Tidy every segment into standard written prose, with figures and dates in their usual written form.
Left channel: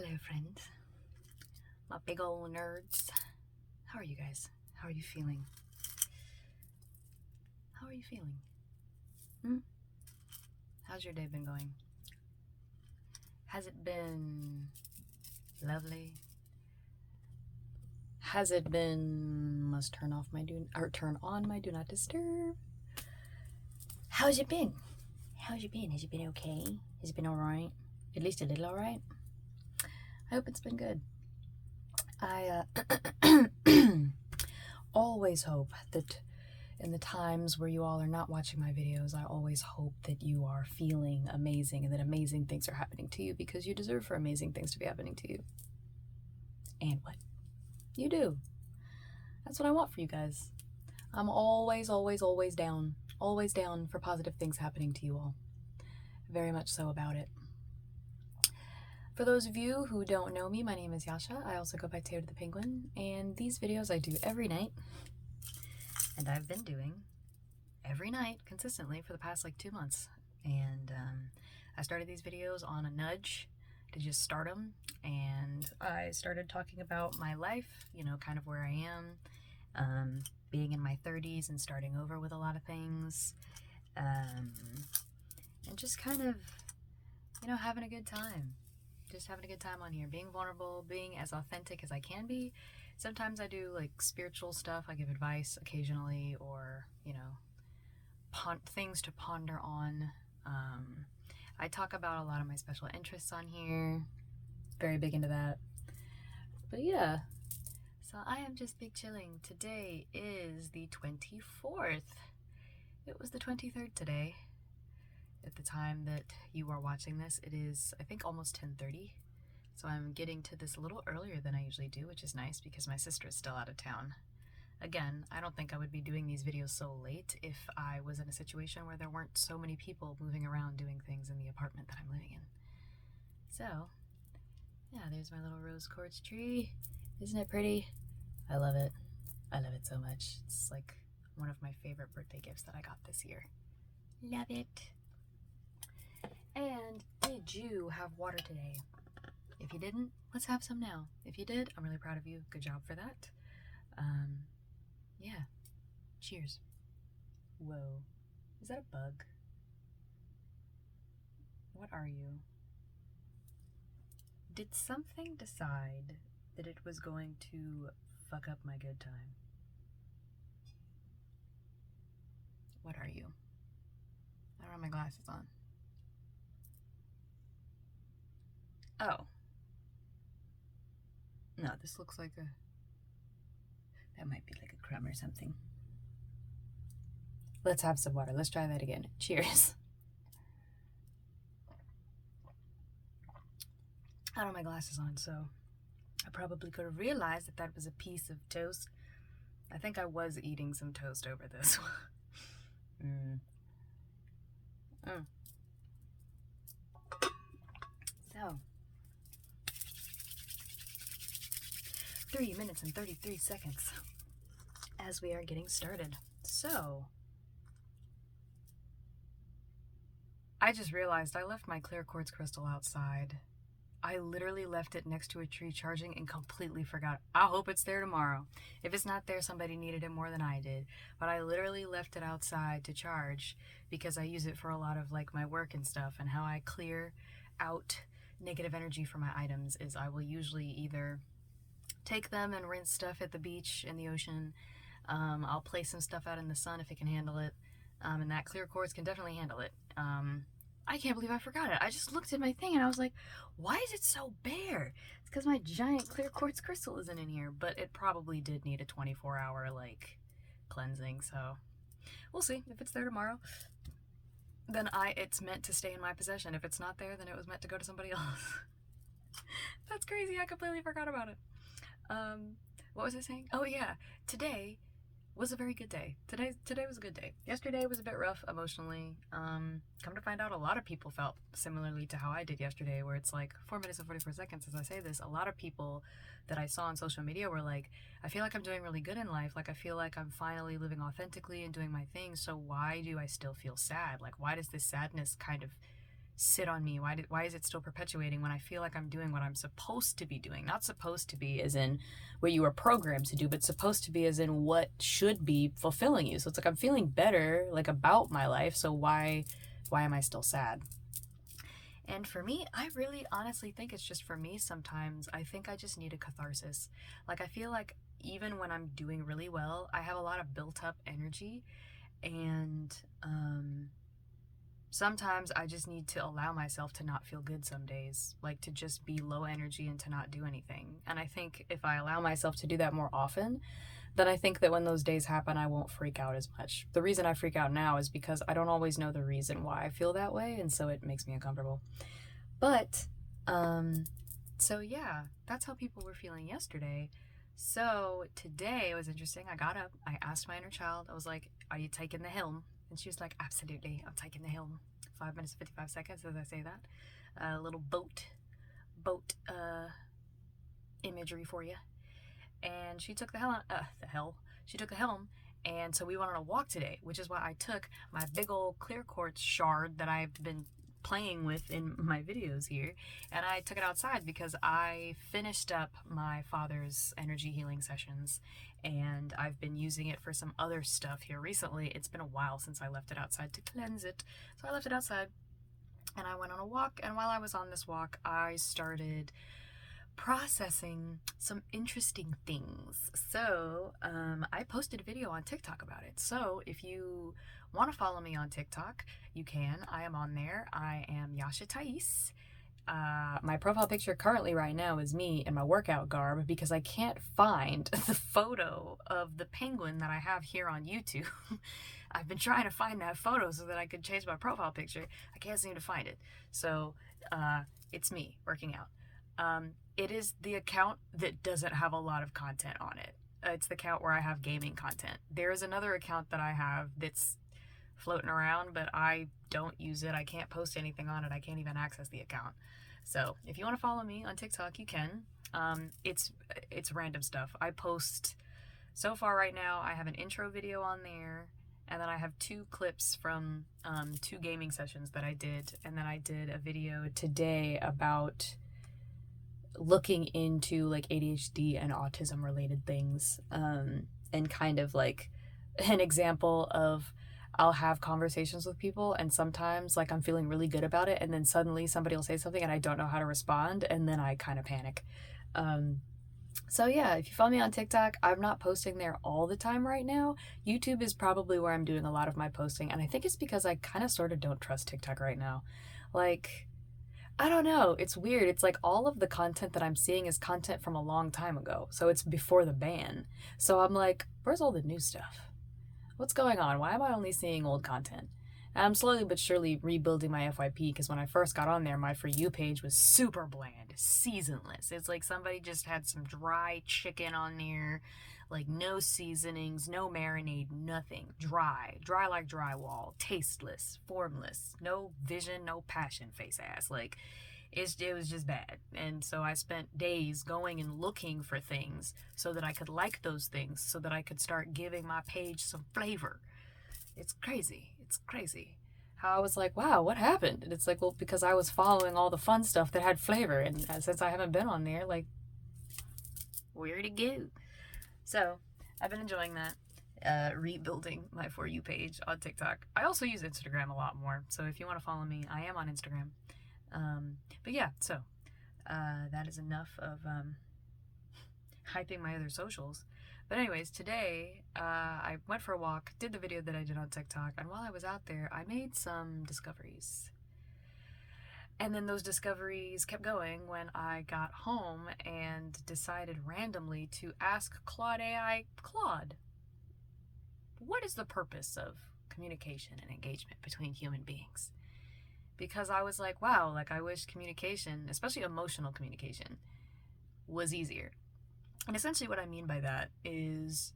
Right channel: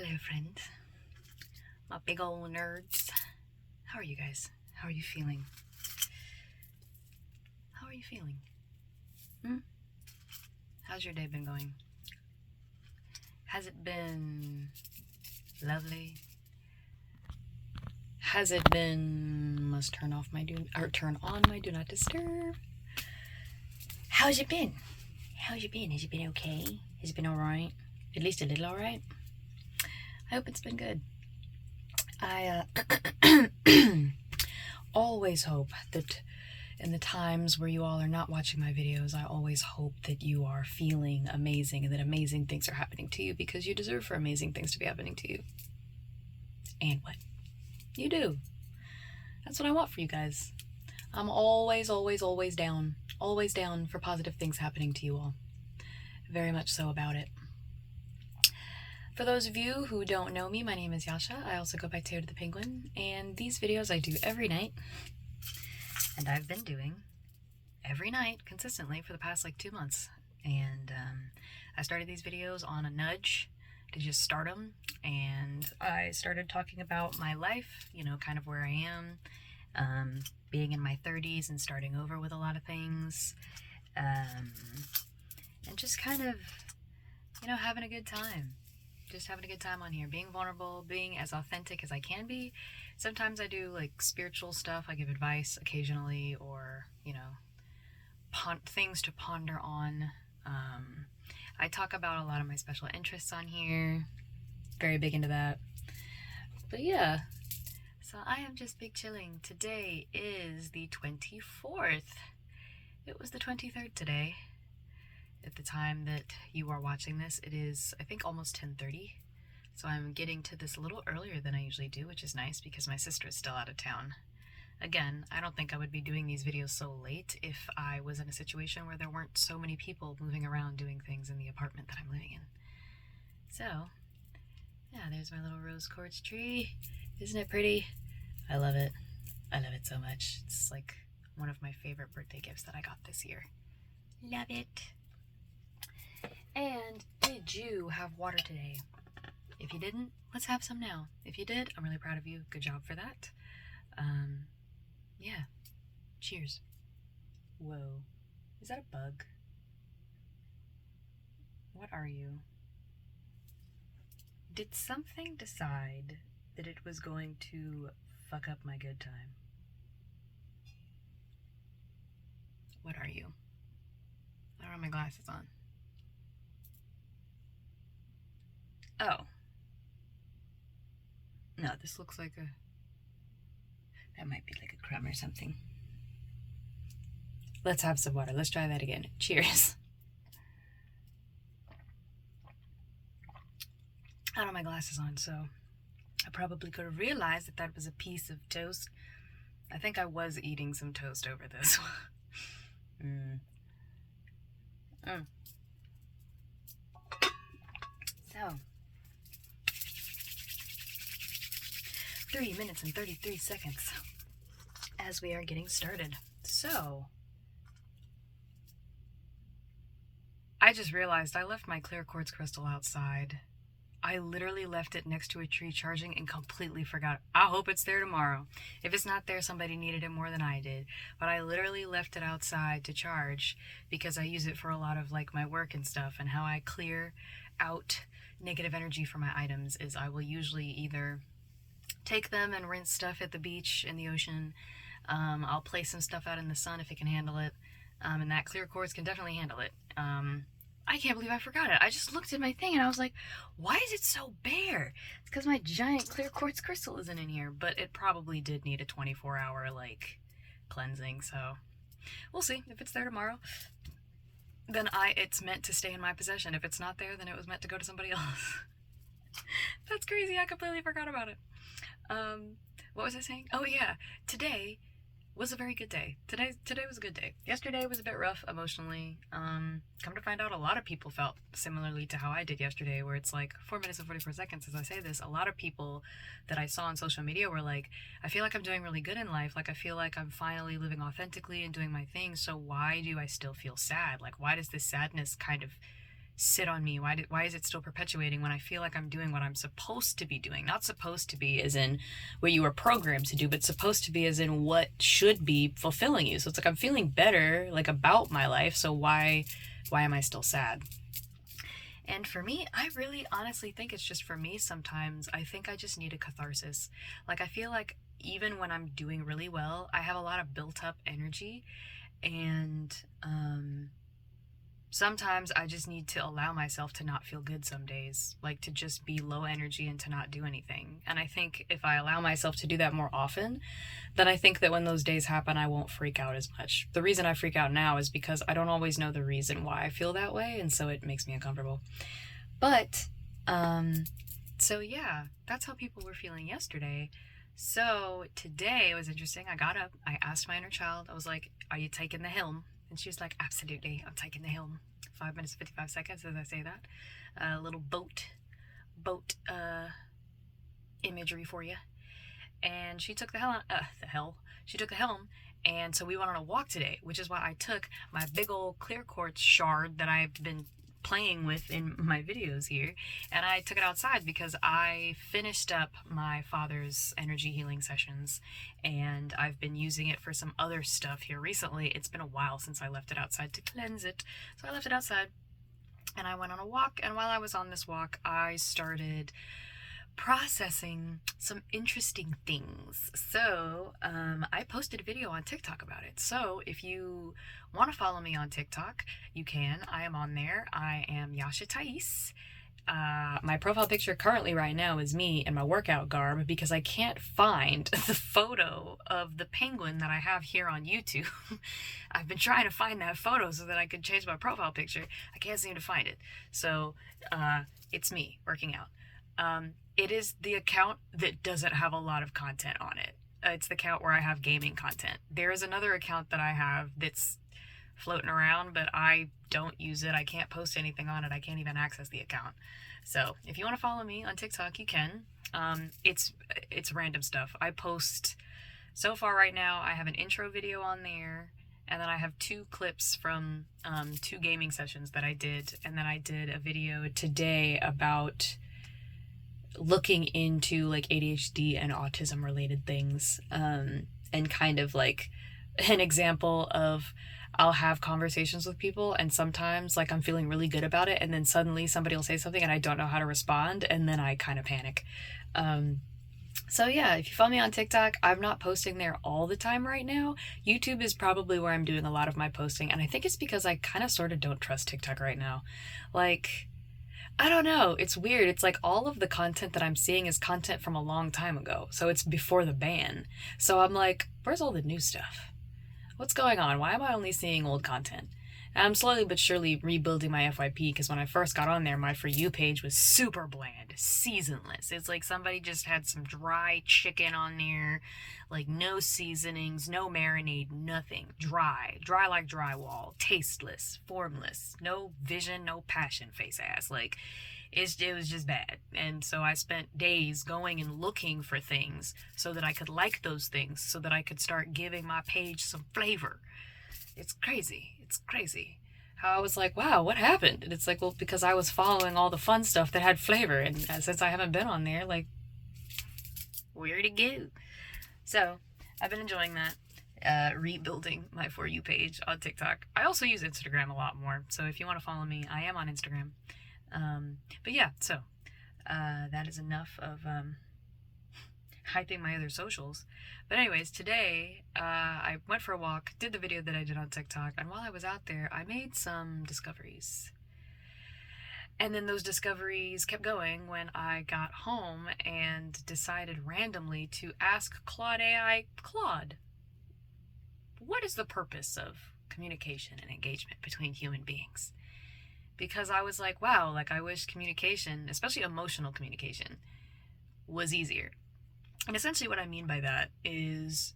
Hello, friends. My big old nerds. How are you guys? How are you feeling? How are you feeling? How's your day been going? Has it been lovely? Has it been must turn on my do not disturb? How's it been? How's it been? Has it been okay? Has it been alright? At least a little alright? I hope it's been good. I always hope that in the times where you all are not watching my videos, I always hope that you are feeling amazing and that amazing things are happening to you, because you deserve for amazing things to be happening to you. And what? You do. That's what I want for you guys. I'm always down. Always down for positive things happening to you all. Very much so about it. For those of you who don't know me, my name is Yasha. I also go by Taylor the Penguin, and these videos I do every night. And I've been doing every night consistently for the past 2 months. And I started these videos on a nudge to just start them. And I started talking about my life, kind of where I am, being in my 30s and starting over with a lot of things. And just kind of, having a good time. Just having a good time on here, being vulnerable, being as authentic as I can be. Sometimes I do spiritual stuff. I give advice occasionally, or things to ponder on. I talk about a lot of my special interests on here. Very big into that. But yeah, so I am just big chilling. Today is the 24th. It was the 23rd today. At the time that you are watching this, it is, I think, almost 10:30. So I'm getting to this a little earlier than I usually do, which is nice because my sister is still out of town. Again, I don't think I would be doing these videos so late if I was in a situation where there weren't so many people moving around doing things in the apartment that I'm living in. So, yeah, there's my little rose quartz tree. Isn't it pretty? I love it. I love it so much. It's one of my favorite birthday gifts that I got this year. Love it. And did you have water today? If you didn't, let's have some now. If you did, I'm really proud of you. Good job for that. Yeah. Cheers. Whoa. Is that a bug? What are you? Did something decide that it was going to fuck up my good time? What are you? I don't have my glasses on. Oh. No, this looks like that might be like a crumb or something. Let's have some water. Let's try that again. Cheers. I don't have my glasses on, so I probably could have realized that that was a piece of toast. I think I was eating some toast over this. 3 minutes and 33 seconds as we are getting started. So, I just realized I left my clear quartz crystal outside. I literally left it next to a tree charging and completely forgot. I hope it's there tomorrow. If it's not there, somebody needed it more than I did. But I literally left it outside to charge because I use it for a lot of my work and stuff. And how I clear out negative energy from my items is I will usually either take them and rinse stuff at the beach, in the ocean. I'll place some stuff out in the sun if it can handle it. And that clear quartz can definitely handle it. I can't believe I forgot it. I just looked at my thing and I was like, why is it so bare? It's because my giant clear quartz crystal isn't in here, but it probably did need a 24-hour cleansing. So we'll see. If it's there tomorrow, then it's meant to stay in my possession. If it's not there, then it was meant to go to somebody else. That's crazy. I completely forgot about it. What was I saying? Oh yeah, today was a very good day. Today was a good day. Yesterday was a bit rough emotionally. Come to find out, a lot of people felt similarly to how I did yesterday, where it's 4 minutes and 44 seconds as I say this. A lot of people that I saw on social media were like, I feel like I'm doing really good in life. I feel like I'm finally living authentically and doing my thing. So why do I still feel sad? Why does this sadness kind of sit on me? Why is it still perpetuating when I feel like I'm doing what I'm supposed to be doing? Not supposed to be as in what you were programmed to do, but supposed to be as in what should be fulfilling you. So it's like I'm feeling better like about my life, so why am I still sad? And for me, I really honestly think it's just for me sometimes. I think I just need a catharsis. Like, I feel like even when I'm doing really well, I have a lot of built up energy. And sometimes I just need to allow myself to not feel good some days, like to just be low energy and to not do anything. And I think if I allow myself to do that more often, then I think that when those days happen, I won't freak out as much. The reason I freak out now is because I don't always know the reason why I feel that way, and so it makes me uncomfortable. But, so yeah, that's how people were feeling yesterday. So today it was interesting. I got up, I asked my inner child, I was like, "Are you taking the helm?" And she was like, "Absolutely, I'm taking the helm." 5 minutes, 55 seconds as I say that. A little boat imagery for you. And she took she took the helm. And so we went on a walk today, which is why I took my big old clear quartz shard that I've been playing with in my videos here, and I took it outside because I finished up my father's energy healing sessions, and I've been using it for some other stuff here recently. It's been a while since I left it outside to cleanse it, so I left it outside and I went on a walk. And while I was on this walk, I started processing some interesting things. So I posted a video on TikTok about it. So if you want to follow me on TikTok, you can. I am on there. I am Yasha Thais. My profile picture currently right now is me in my workout garb because I can't find the photo of the penguin that I have here on YouTube. I've been trying to find that photo so that I could change my profile picture. I can't seem to find it. So it's me working out. It is the account that doesn't have a lot of content on it. It's the account where I have gaming content. There is another account that I have that's floating around, but I don't use it. I can't post anything on it. I can't even access the account. So if you want to follow me on TikTok, you can. It's random stuff. I post, so far right now, I have an intro video on there, and then I have 2 clips from 2 gaming sessions that I did, and then I did a video today about looking into like ADHD and autism related things, and kind of like an example of I'll have conversations with people and sometimes like I'm feeling really good about it and then suddenly somebody will say something and I don't know how to respond and then I kind of panic. So yeah, if you follow me on TikTok, I'm not posting there all the time right now. YouTube is probably where I'm doing a lot of my posting, and I think it's because I kind of sort of don't trust TikTok right now. Like, I don't know. It's weird. It's like all of the content that I'm seeing is content from a long time ago. So it's before the ban. So I'm like, where's all the new stuff? What's going on? Why am I only seeing old content? And I'm slowly but surely rebuilding my FYP because when I first got on there, my For You page was super bland, seasonless. It's like somebody just had some dry chicken on there, like no seasonings, no marinade, nothing. Dry like drywall, tasteless, formless, no vision, no passion, face ass. Like, it was just bad. And so I spent days going and looking for things so that I could like those things, so that I could start giving my page some flavor. It's crazy. It's crazy how I was like, wow, what happened? And it's like, well, because I was following all the fun stuff that had flavor, and since I haven't been on there, like, where'd it go? So I've been enjoying that, rebuilding my For You page on TikTok. I also use Instagram a lot more, so if you want to follow me, I am on Instagram. But yeah, so that is enough of hyping my other socials. But anyways, today I went for a walk, did the video that I did on TikTok, and while I was out there, I made some discoveries. And then those discoveries kept going when I got home and decided randomly to ask Claude AI, Claude, what is the purpose of communication and engagement between human beings? Because I was like, wow, like I wish communication, especially emotional communication, was easier. And essentially what I mean by that is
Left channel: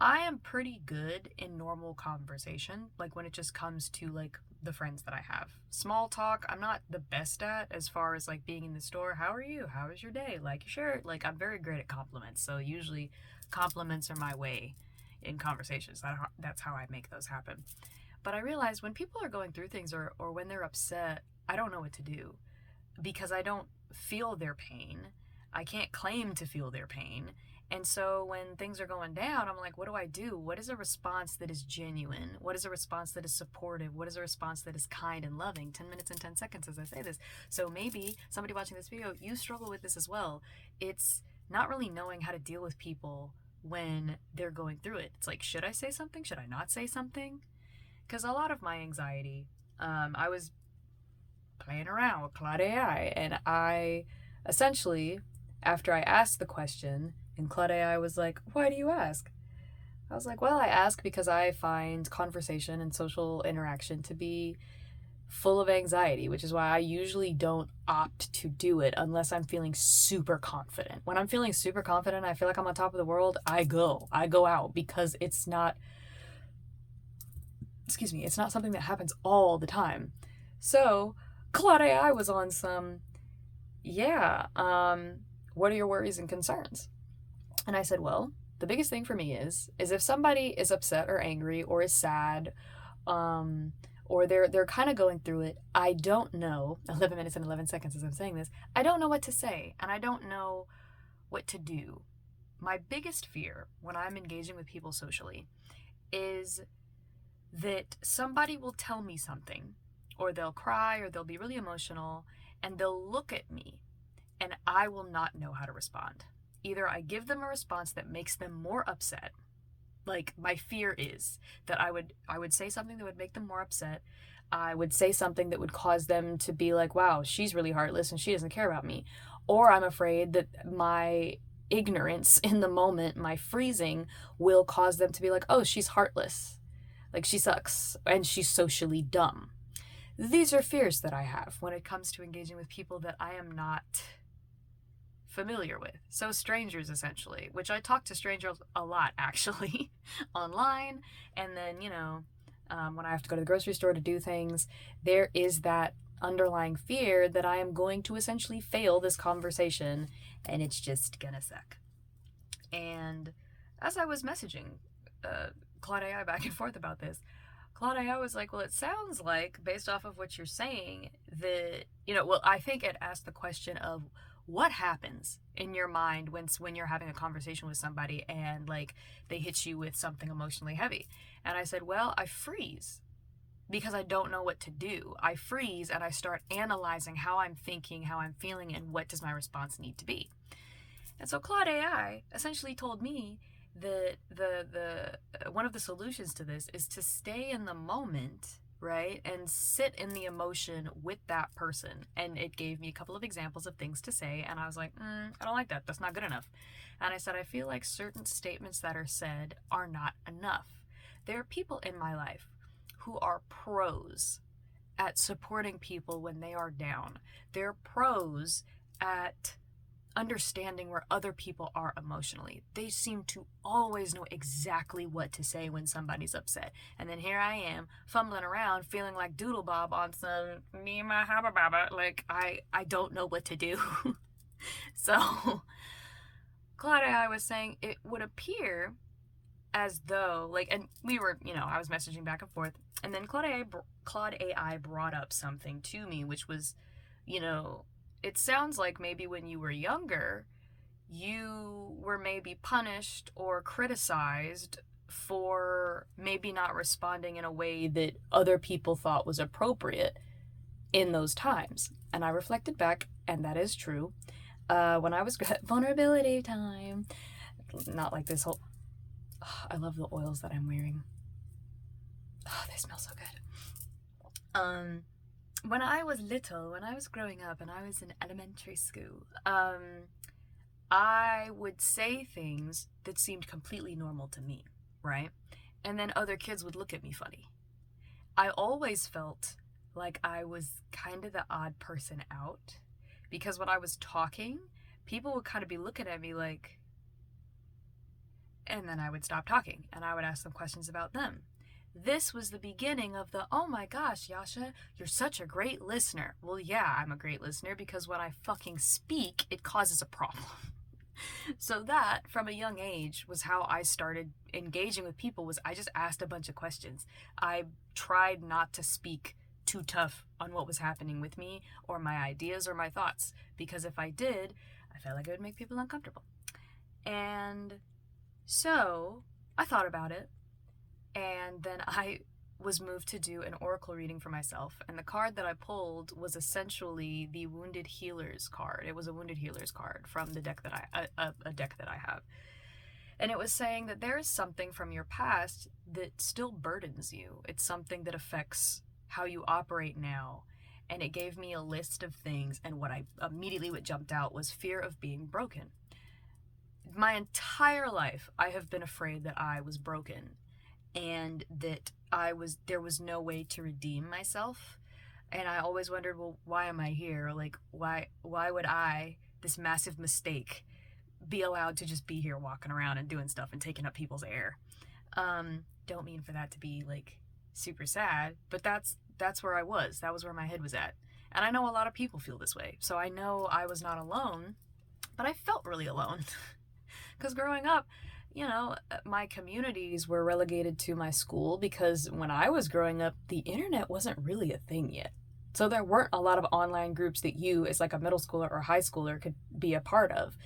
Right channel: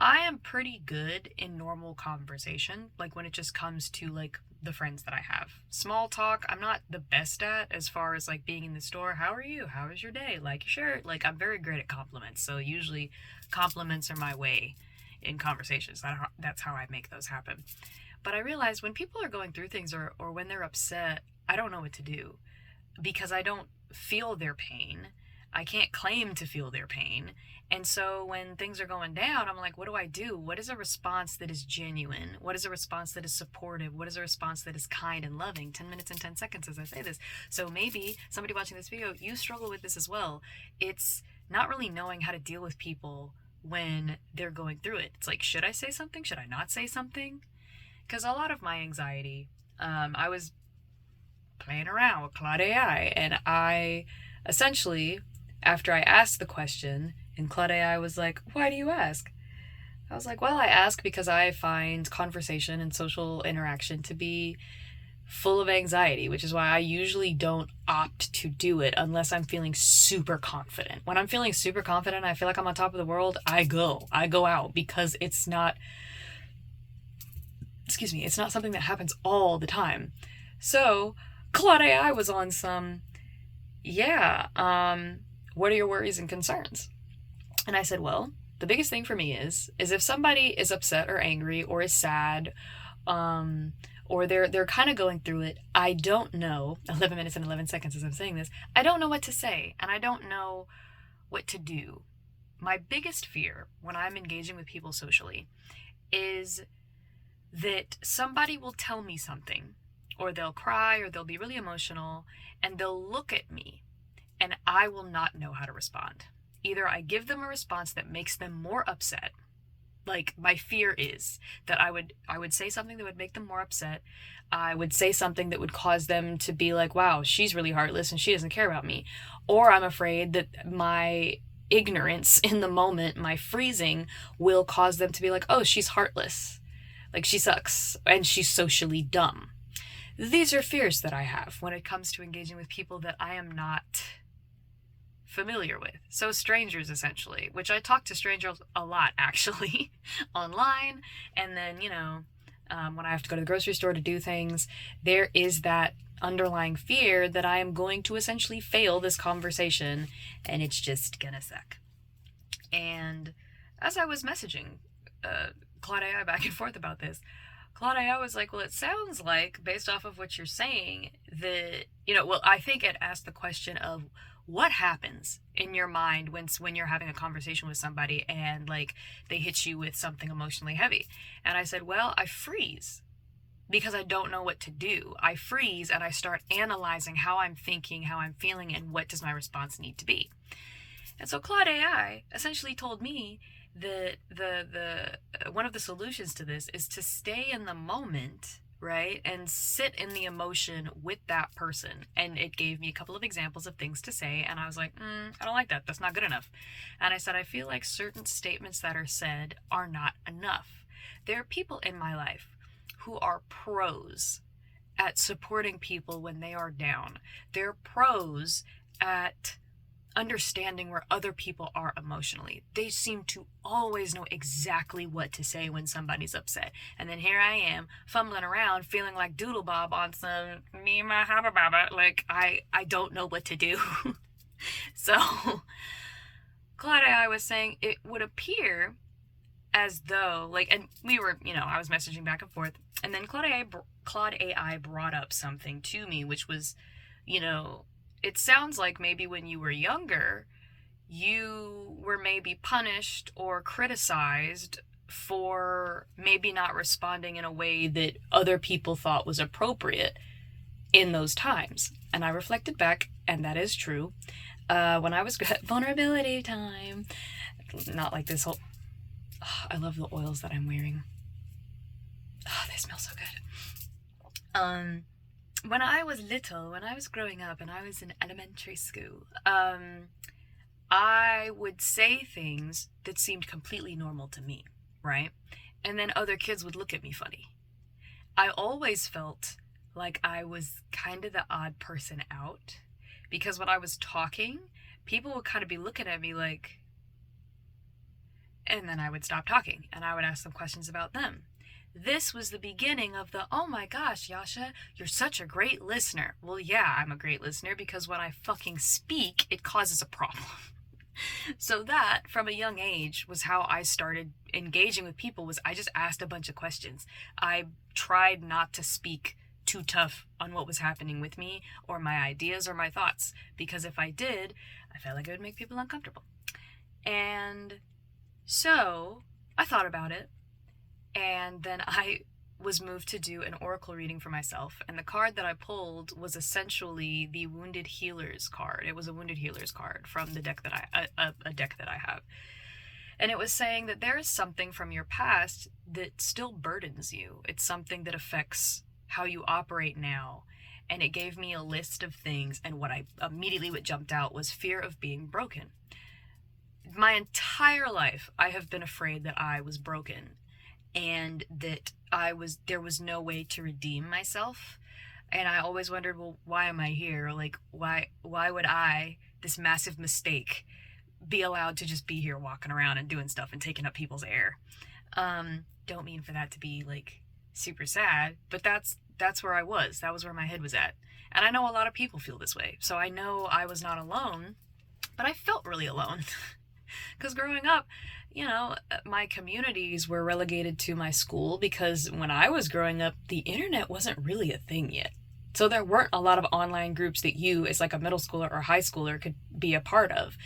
I am pretty good in normal conversation, like when it just comes to like the friends that I have. Small talk, I'm not the best at as far as like being in the store. How are you? How was your day? Like your shirt? Like I'm very great at compliments. So usually compliments are my way in conversations. That's how I make those happen. But I realized when people are going through things or when they're upset, I don't know what to do because I don't feel their pain. I can't claim to feel their pain. And so when things are going down, I'm like, what do I do? What is a response that is genuine? What is a response that is supportive? What is a response that is kind and loving? 10 minutes and 10 seconds as I say this. So maybe somebody watching this video, you struggle with this as well. It's not really knowing how to deal with people when they're going through it. It's like, should I say something? Should I not say something? Because a lot of my anxiety, I was playing around with Claude AI, and I essentially, after I asked the question, and Claude AI was like, why do you ask? I was like, well, I ask because I find conversation and social interaction to be full of anxiety, which is why I usually don't opt to do it unless I'm feeling super confident. When I'm feeling super confident, I feel like I'm on top of the world, I go out because it's not something that happens all the time. So Claude AI was on some, what are your worries and concerns? And I said, well, the biggest thing for me is if somebody is upset or angry or is sad, or they're kind of going through it, I don't know, 11 minutes and 11 seconds as I'm saying this, I don't know what to say, and I don't know what to do. My biggest fear when I'm engaging with people socially is that somebody will tell me something, or they'll cry, or they'll be really emotional, and they'll look at me, and I will not know how to respond. Either I give them a response that makes them more upset. Like, my fear is that I would say something that would make them more upset. I would say something that would cause them to be like, wow, she's really heartless and she doesn't care about me. Or I'm afraid that my ignorance in the moment, my freezing, will cause them to be like, oh, she's heartless. Like, she sucks and she's socially dumb. These are fears that I have when it comes to engaging with people that I am not familiar with. So strangers, essentially, which I talk to strangers a lot, actually, online. And then, when I have to go to the grocery store to do things, there is that underlying fear that I am going to essentially fail this conversation and it's just gonna suck. And as I was messaging Claude AI back and forth about this, Claude AI was like, well, it sounds like, based off of what you're saying, that, I think it asked the question of, what happens in your mind when you're having a conversation with somebody and like they hit you with something emotionally heavy? And I said, well, I freeze because I don't know what to do. I freeze and I start analyzing how I'm thinking, how I'm feeling, and what does my response need to be. And so Claude AI essentially told me that the one of the solutions to this is to stay in the moment, right? And sit in the emotion with that person. And it gave me a couple of examples of things to say. And I was like, I don't like that. That's not good enough. And I said, I feel like certain statements that are said are not enough. There are people in my life who are pros at supporting people when they are down. They're pros at understanding where other people are emotionally. They seem to always know exactly what to say when somebody's upset. And then here I am fumbling around feeling like Doodle Bob on some me and my habba baba. Like I don't know what to do. So Claude AI was saying it would appear as though and we were, I was messaging back and forth, and then Claude AI brought up something to me, which was, it sounds like maybe when you were younger, you were maybe punished or criticized for maybe not responding in a way that other people thought was appropriate in those times. And I reflected back, and that is true. When I was vulnerability time, not like this whole, I love the oils that I'm wearing. They smell so good. When I was little, when I was growing up and I was in elementary school, I would say things that seemed completely normal to me, right? And then other kids would look at me funny. I always felt like I was kind of the odd person out, because when I was talking, people would kind of be looking at me like, and then I would stop talking and I would ask them questions about them. This was the beginning of the, oh my gosh, Yasha, you're such a great listener. Well, yeah, I'm a great listener because when I fucking speak, it causes a problem. So that, from a young age, was how I started engaging with people. Was I just asked a bunch of questions. I tried not to speak too tough on what was happening with me or my ideas or my thoughts, because if I did, I felt like it would make people uncomfortable. And so I thought about it, and then I was moved to do an oracle reading for myself, and the card that I pulled was essentially the Wounded Healers card. It was a Wounded Healers card from the deck that a deck that I have. And it was saying that there is something from your past that still burdens you. It's something that affects how you operate now. And it gave me a list of things, and what jumped out was fear of being broken. My entire life, I have been afraid that I was broken, and that there was no way to redeem myself. And I always wondered, well, why am I here? Like, why would I, this massive mistake, be allowed to just be here walking around and doing stuff and taking up people's air? Don't mean for that to be like super sad, but that's where I was. That was where my head was at. And I know a lot of people feel this way. So I know I was not alone, but I felt really alone. Because growing up, you know, my communities were relegated to my school, because when I was growing up, the internet wasn't really a thing yet. So there weren't a lot of online groups that you, as like a middle schooler or high schooler, could be a part of.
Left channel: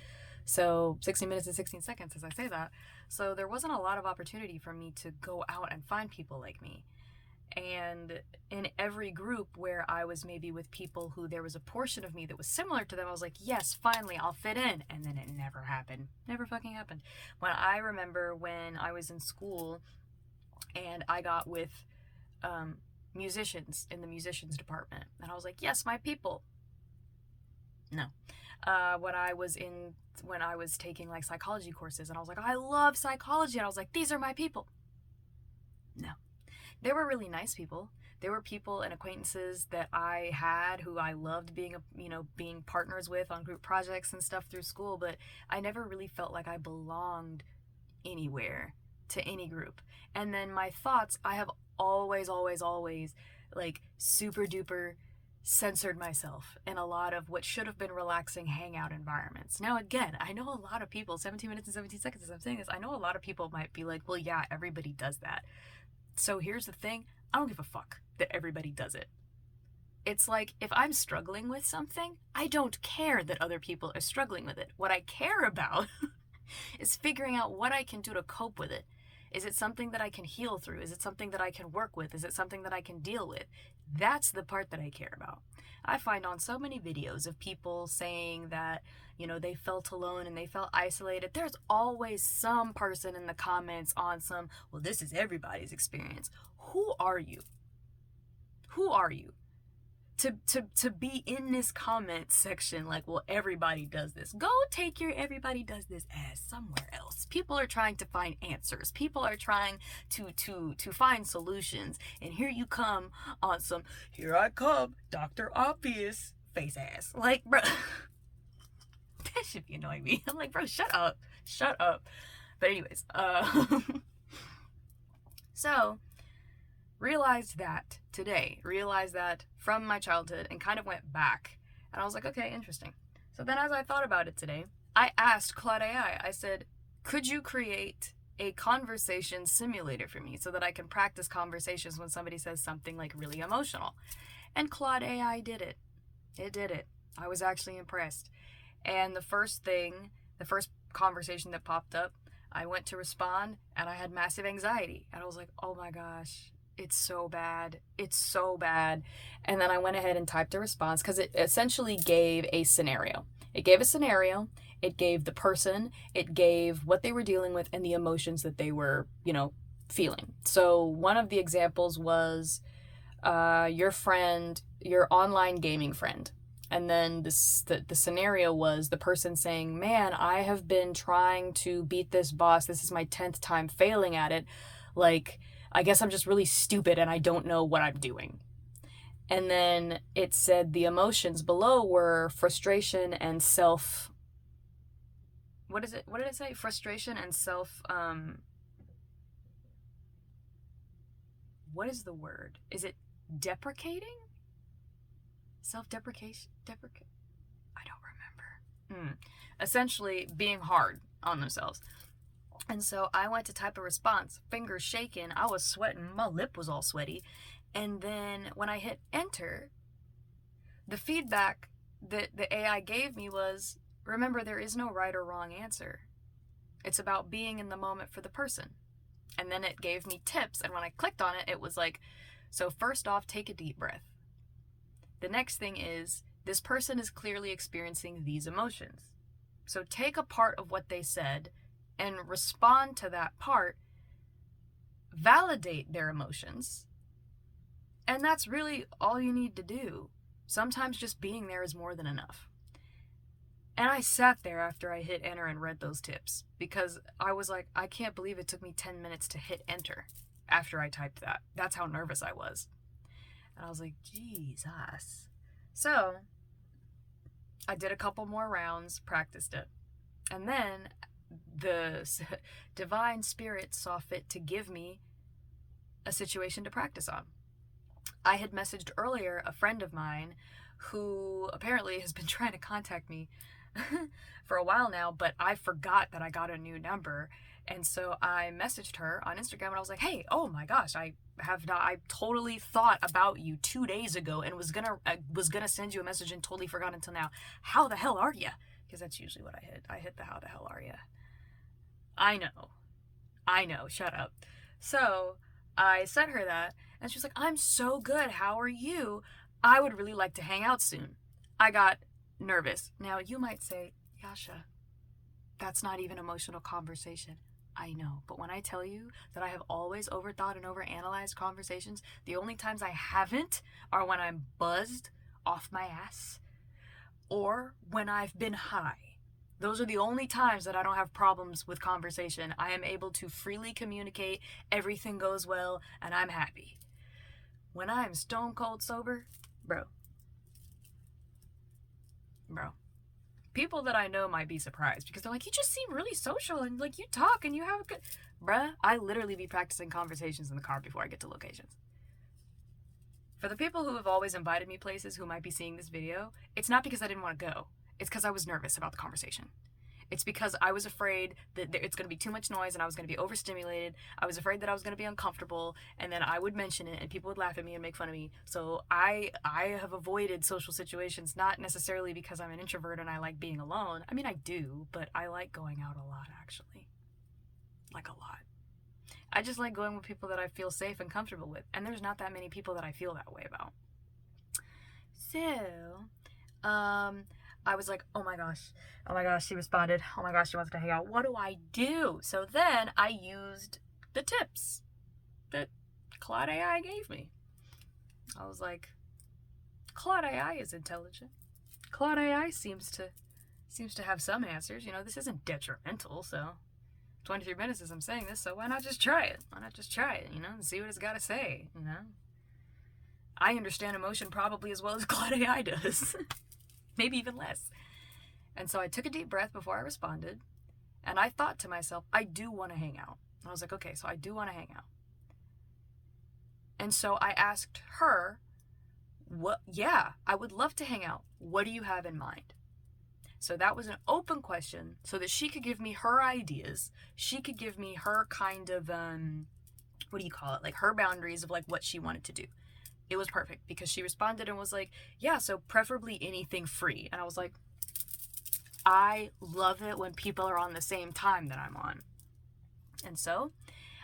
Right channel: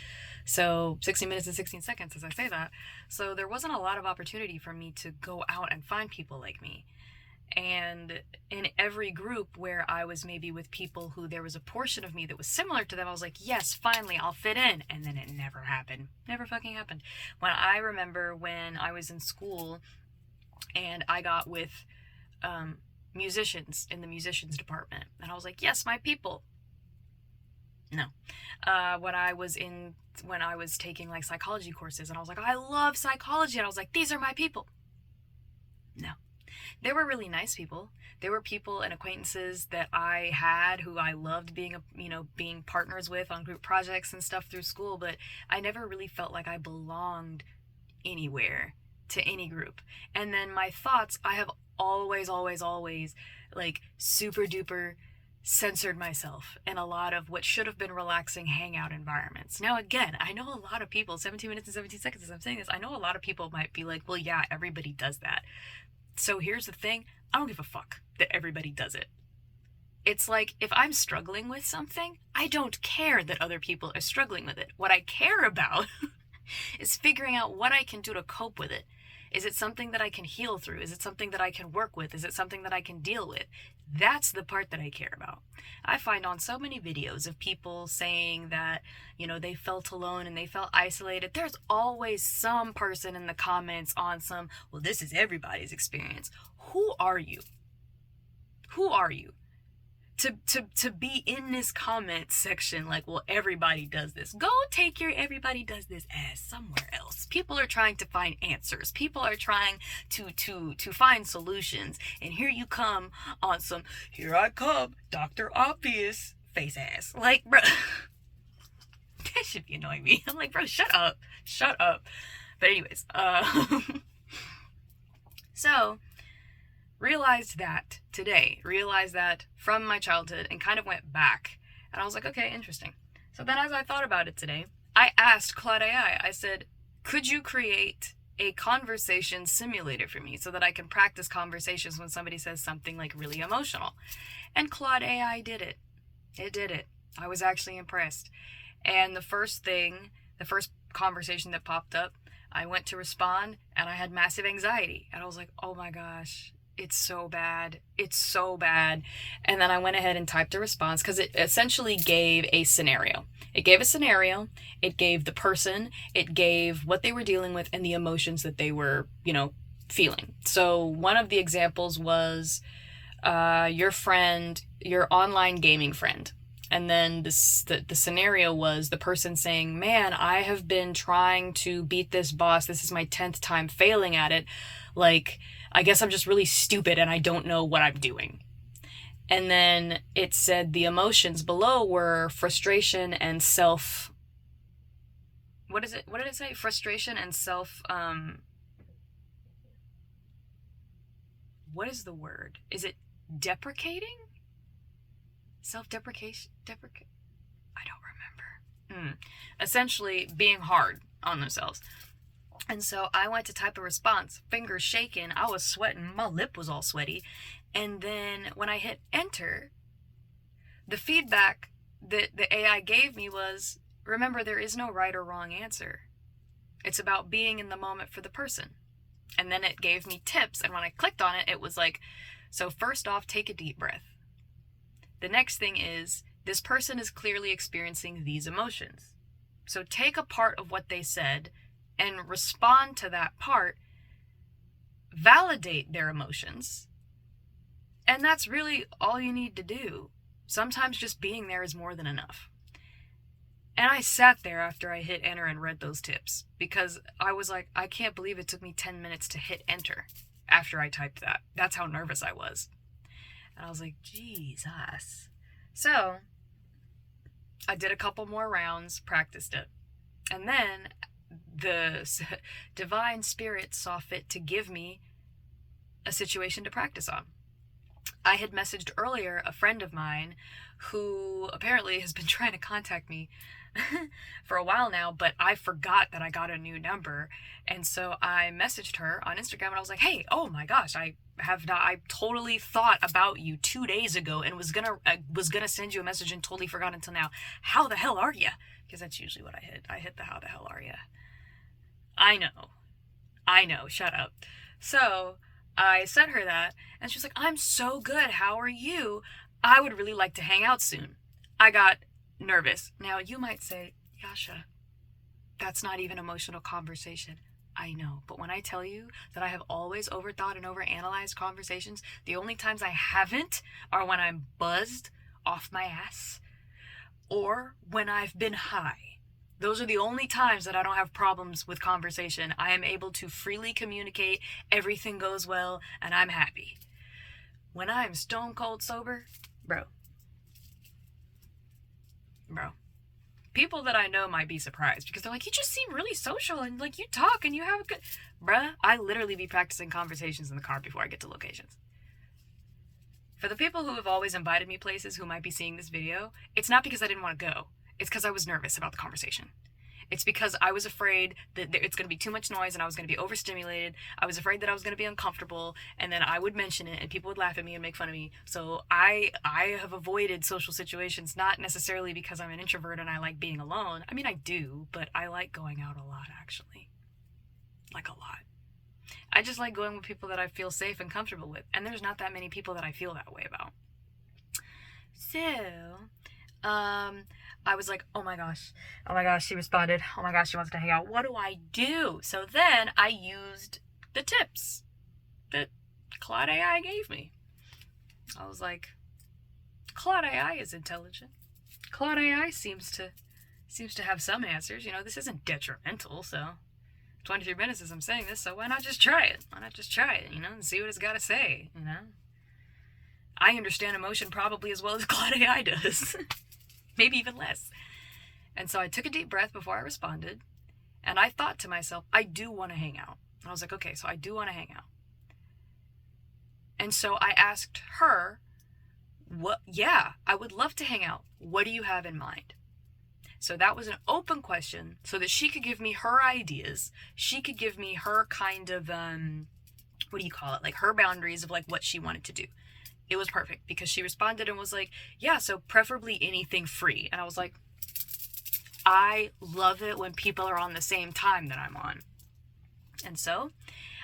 So 60 minutes and 16 seconds, as I say that. So there wasn't a lot of opportunity for me to go out and find people like me. And in every group where I was maybe with people who there was a portion of me that was similar to them, I was like, yes, finally, I'll fit in. And then it never happened. Never fucking happened. I remember when I was in school and I got with musicians in the musicians department. And I was like, yes, my people. No. When I was taking like psychology courses, and I was like, I love psychology. And I was like, these are my people. No. There were really nice people. There were people and acquaintances that I had who I loved being partners with on group projects and stuff through school, but I never really felt like I belonged anywhere to any group. And then my thoughts, I have always like super duper censored myself in a lot of what should have been relaxing hangout environments. Now, again, I know a lot of people, 17 minutes and 17 seconds as I'm saying this, I know a lot of people might be like, well, yeah, everybody does that. So here's the thing, I don't give a fuck that everybody does it. It's like, if I'm struggling with something, I don't care that other people are struggling with it. What I care about is figuring out what I can do to cope with it. Is it something that I can heal through? Is it something that I can work with? Is it something that I can deal with? That's the part that I care about. I find on so many videos of people saying that, they felt alone and they felt isolated. There's always some person in the comments on some, well, this is everybody's experience. Who are you? Who are you? To be in this comment section like, well, everybody does this. Go take your everybody does this ass somewhere else. People are trying to find answers. People are trying to find solutions. And here you come on some, here I come, Dr. Obvious face ass. Like, bro, that should be annoying me. I'm like, bro, shut up. But anyways, so realized that from my childhood, and kind of went back, and I was like, okay, interesting. So then as I thought about it today, I asked Claude AI, I said, could you create a conversation simulator for me so that I can practice conversations when somebody says something like really emotional? And Claude AI did it. It did it. I was actually impressed. And the first conversation that popped up, I went to respond and I had massive anxiety. And I was like, oh my gosh, it's so bad. It's so bad. And then I went ahead and typed a response because it essentially gave a scenario. It gave a scenario. It gave the person. It gave what they were dealing with and the emotions that they were, feeling. So one of the examples was your friend, your online gaming friend. And then the scenario was the person saying, man, I have been trying to beat this boss. This is my 10th time failing at it. Like, I guess I'm just really stupid and I don't know what I'm doing. And then it said the emotions below were frustration and what did it say? Frustration and what is the word? Is it deprecating? Self-deprecation? I don't remember. Essentially being hard on themselves. And so I went to type a response, fingers shaking, I was sweating, my lip was all sweaty, And then when I hit enter, the feedback that the AI gave me was, remember, there is no right or wrong answer. It's about being in the moment for the person. And then it gave me tips. And when I clicked on it, it was like, so first off, take a deep breath. The next thing is, this person is clearly experiencing these emotions. So take a part of what they said and respond to that part, validate their emotions, and that's really all you need to do. Sometimes just being there is more than enough. And I sat there after I hit enter and read those tips because I was like, I can't believe it took me 10 minutes to hit enter after I typed that. That's how nervous I was. And I was like, Jesus. So I did a couple more rounds, practiced it. And then the divine spirit saw fit to give me a situation to practice on. I had messaged earlier a friend of mine who apparently has been trying to contact me for a while now, but I forgot that I got a new number. And so I messaged her on Instagram and I was like, hey, oh my gosh, I totally thought about you 2 days ago and was gonna send you a message and totally forgot until now. How the hell are you? Because that's usually what I hit. I hit the how the hell are you. I know, shut up. So I sent her that and she was like, I'm so good. How are you? I would really like to hang out soon. I got nervous. Now you might say, Yasha, that's not even emotional conversation. I know, but when I tell you that I have always overthought and overanalyzed conversations, the only times I haven't are when I'm buzzed off my ass or when I've been high. Those are the only times that I don't have problems with conversation. I am able to freely communicate, everything goes well, and I'm happy. When I'm stone cold sober, bro. People that I know might be surprised because they're like, you just seem really social and like you talk and you have a good... Bruh, I literally be practicing conversations in the car before I get to locations. For the people who have always invited me places who might be seeing this video, it's not because I didn't want to go. It's because I was nervous about the conversation. It's because I was afraid that it's going to be too much noise and I was going to be overstimulated. I was afraid that I was going to be uncomfortable and then I would mention it and people would laugh at me and make fun of me. So I have avoided social situations, not necessarily because I'm an introvert and I like being alone. I mean, I do, but I like going out a lot, actually. Like a lot. I just like going with people that I feel safe and comfortable with. And there's not that many people that I feel that way about. So, I was like, oh my gosh, she responded. Oh my gosh, she wants to hang out. What do I do? So then I used the tips that Claude AI gave me. I was like, Claude AI is intelligent. Claude AI seems to have some answers. You know, this isn't detrimental, so 23 minutes as I'm saying this, so why not just try it? You know, and see what it's got to say, you know? I understand emotion probably as well as Claude AI does. Maybe even less. And so I took a deep breath before I responded, and I thought to myself, I do want to hang out. And I was like, okay, so I do want to hang out. And so I asked her, I would love to hang out. What do you have in mind? So that was an open question so that she could give me her ideas. She could give me her kind of, like her boundaries of like what she wanted to do. It was perfect because she responded and was like, yeah, so preferably anything free. And I was like, I love it when people are on the same time that I'm on. And so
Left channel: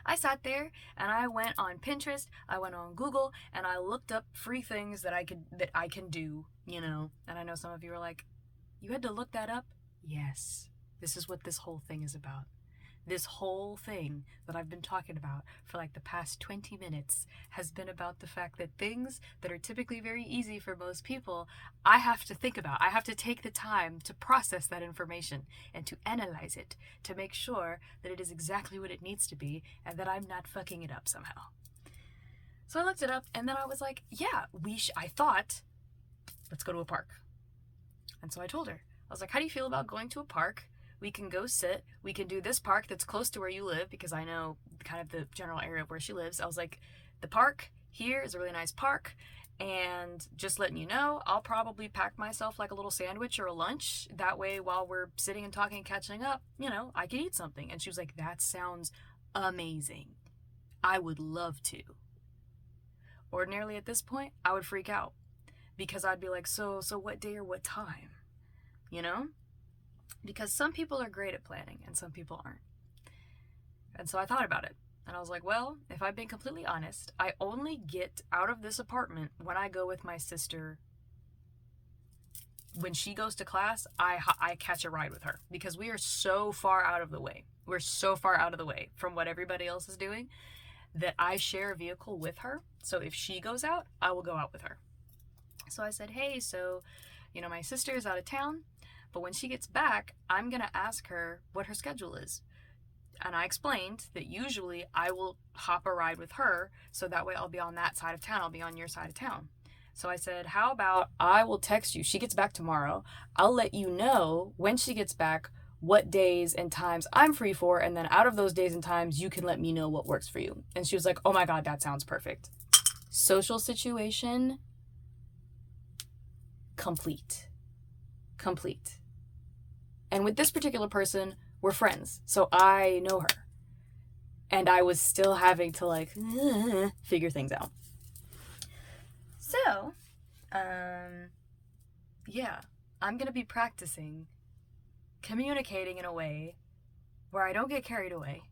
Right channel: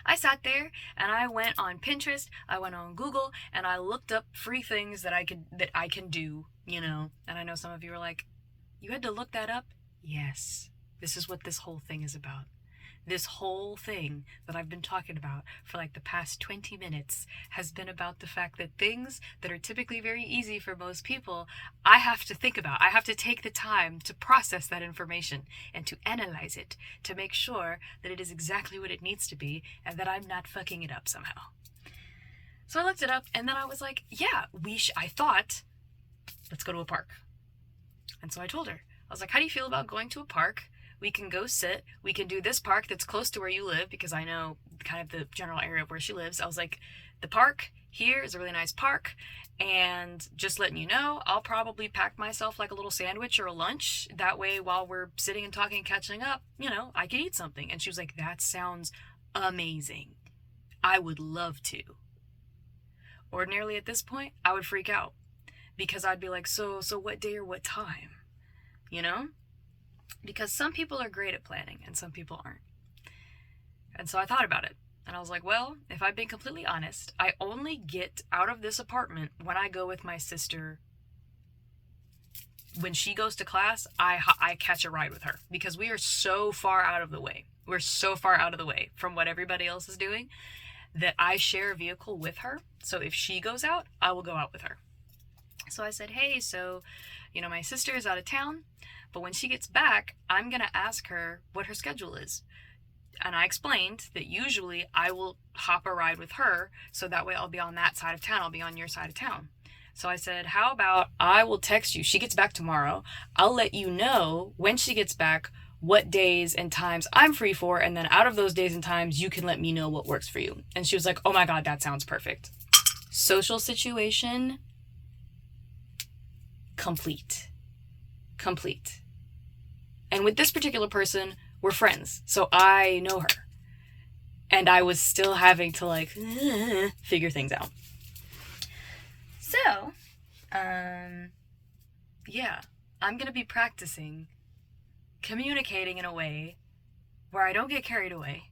I sat there and I went on Pinterest, I went on Google, and I looked up free things that I can do, you know. And I know some of you are like, you had to look that up? Yes. This is what this whole thing is about. This whole thing that I've been talking about for like the past 20 minutes has been about the fact that things that are typically very easy for most people, I have to think about. I have to take the time to process that information and to analyze it to make sure that it is exactly what it needs to be and that I'm not fucking it up somehow. So I looked it up and then I was like, yeah, I thought, let's go to a park. And so I told her, I was like, how do you feel about going to a park? We can go sit. We can do this park that's close to where you live because I know kind of the general area of where she lives. I was like, the park here is a really nice park. And just letting you know, I'll probably pack myself like a little sandwich or a lunch. That way, while we're sitting and talking and catching up, you know, I can eat something. And she was like, that sounds amazing. I would love to. Ordinarily at this point, I would freak out because I'd be like, so what day or what time? You know? Because some people are great at planning and some people aren't. And so I thought about it. And I was like, well, if I've been completely honest, I only get out of this apartment when I go with my sister. When she goes to class, I catch a ride with her because we are so far out of the way. We're so far out of the way from what everybody else is doing that I share a vehicle with her. So if she goes out, I will go out with her. So I said, hey, so, my sister is out of town, but when she gets back, I'm going to ask her what her schedule is. And I explained that usually I will hop a ride with her, so that way I'll be on that side of town, I'll be on your side of town. So I said, how about I will text you. She gets back tomorrow. I'll let you know when she gets back what days and times I'm free for, and then out of those days and times, you can let me know what works for you. And she was like, oh my God, that sounds perfect. Social situation, complete. And with this particular person, we're friends, so I know her. And I was still having to figure things out. So, yeah, I'm gonna be practicing communicating in a way where I don't get carried away,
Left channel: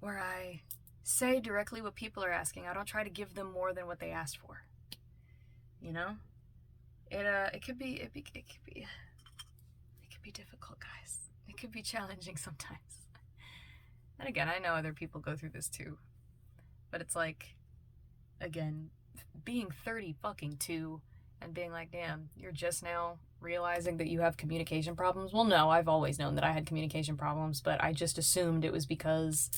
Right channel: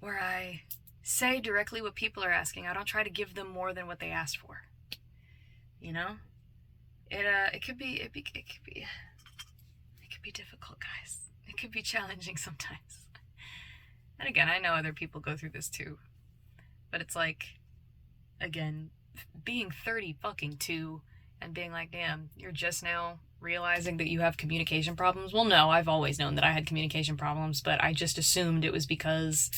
where I say directly what people are asking. I don't try to give them more than what they asked for. It could be difficult, guys. It could be challenging sometimes. And again, I know other people go through this too. But it's like, again, being 30 fucking 2 and being like, damn, you're just now realizing that you have communication problems. Well, no, I've always known that I had communication problems, but I just assumed it was because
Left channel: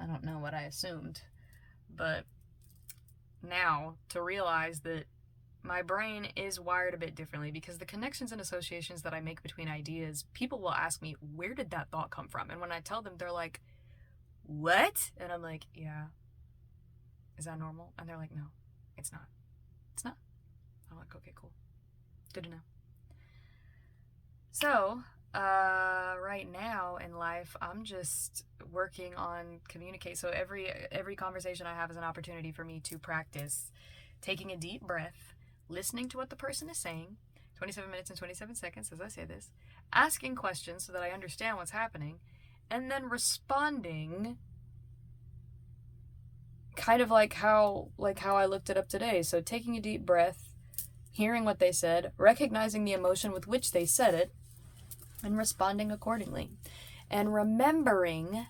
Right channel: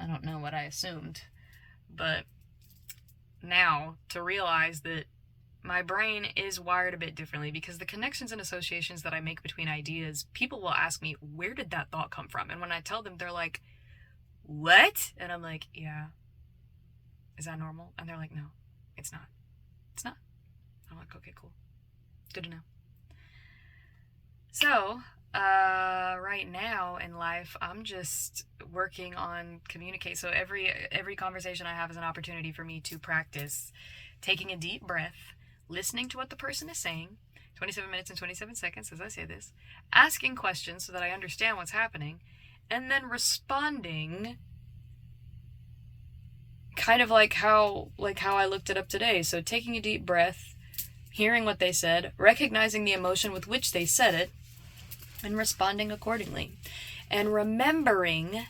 I don't know what I assumed. But now to realize that my brain is wired a bit differently because the connections and associations that I make between ideas, people will ask me, where did that thought come from? And when I tell them, they're like, what? And I'm like, yeah. Is that normal? And they're like, no, it's not. It's not. I'm like, okay, cool. Good to know. So, right now in life, I'm just working on communicate. So every conversation I have is an opportunity for me to practice taking a deep breath, listening to what the person is saying, 27 minutes and 27 seconds as I say this, asking questions so that I understand what's happening, and then responding kind of like how I looked it up today. So taking a deep breath, hearing what they said, recognizing the emotion with which they said it, and responding accordingly. And remembering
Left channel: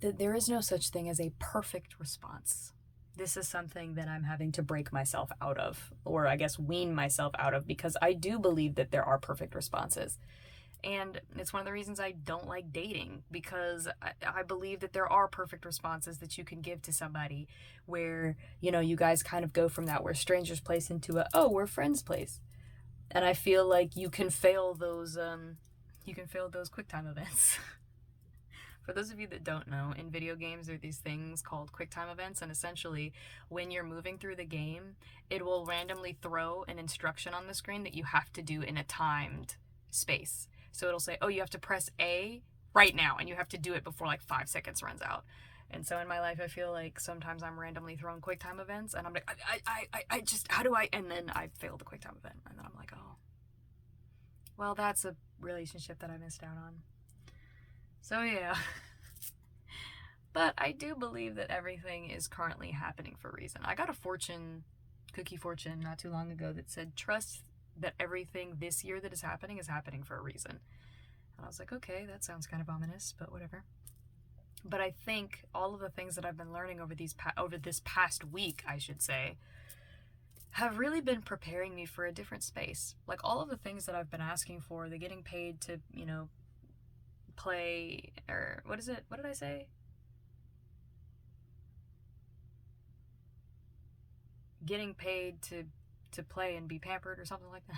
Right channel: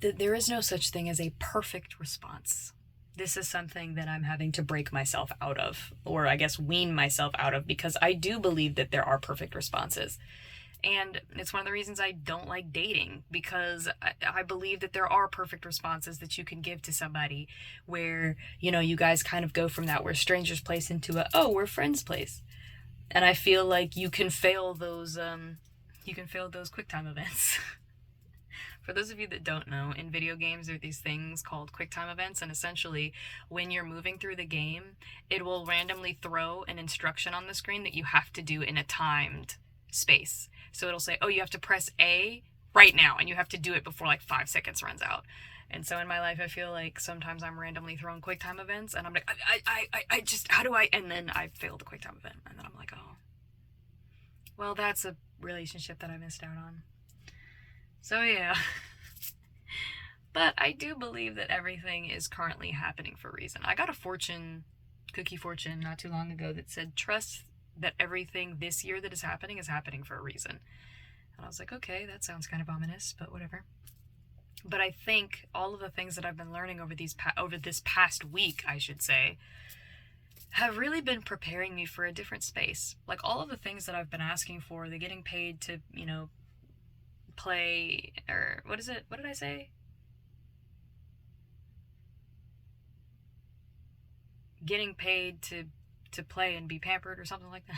that there is no such thing as a perfect response. This is something that I'm having to break myself out of, or I guess wean myself out of, because I do believe that there are perfect responses. And it's one of the reasons I don't like dating, because I believe that there are perfect responses that you can give to somebody where, you guys kind of go from that where strangers place into a, oh, we're friends place. And I feel like you can fail those QuickTime events. For those of you that don't know, in video games there are these things called QuickTime events, and essentially when you're moving through the game, it will randomly throw an instruction on the screen that you have to do in a timed space. So it'll say, oh, you have to press A right now, and you have to do it before 5 seconds runs out. And so in my life, I feel like sometimes I'm randomly thrown QuickTime events, and I'm like, I just, how do I, and then I fail the QuickTime event, and then I'm like, oh, well, that's a relationship that I missed out on. So yeah. But I do believe that everything is currently happening for a reason. I got a cookie fortune not too long ago that said, trust that everything this year that is happening for a reason. And I was like, okay, that sounds kind of ominous, but whatever. But I think all of the things that I've been learning over this past week, I should say, have really been preparing me for a different space. Like all of the things that I've been asking for, the getting paid to, play, or what is it? What did I say? Getting paid to play and be pampered or something like that.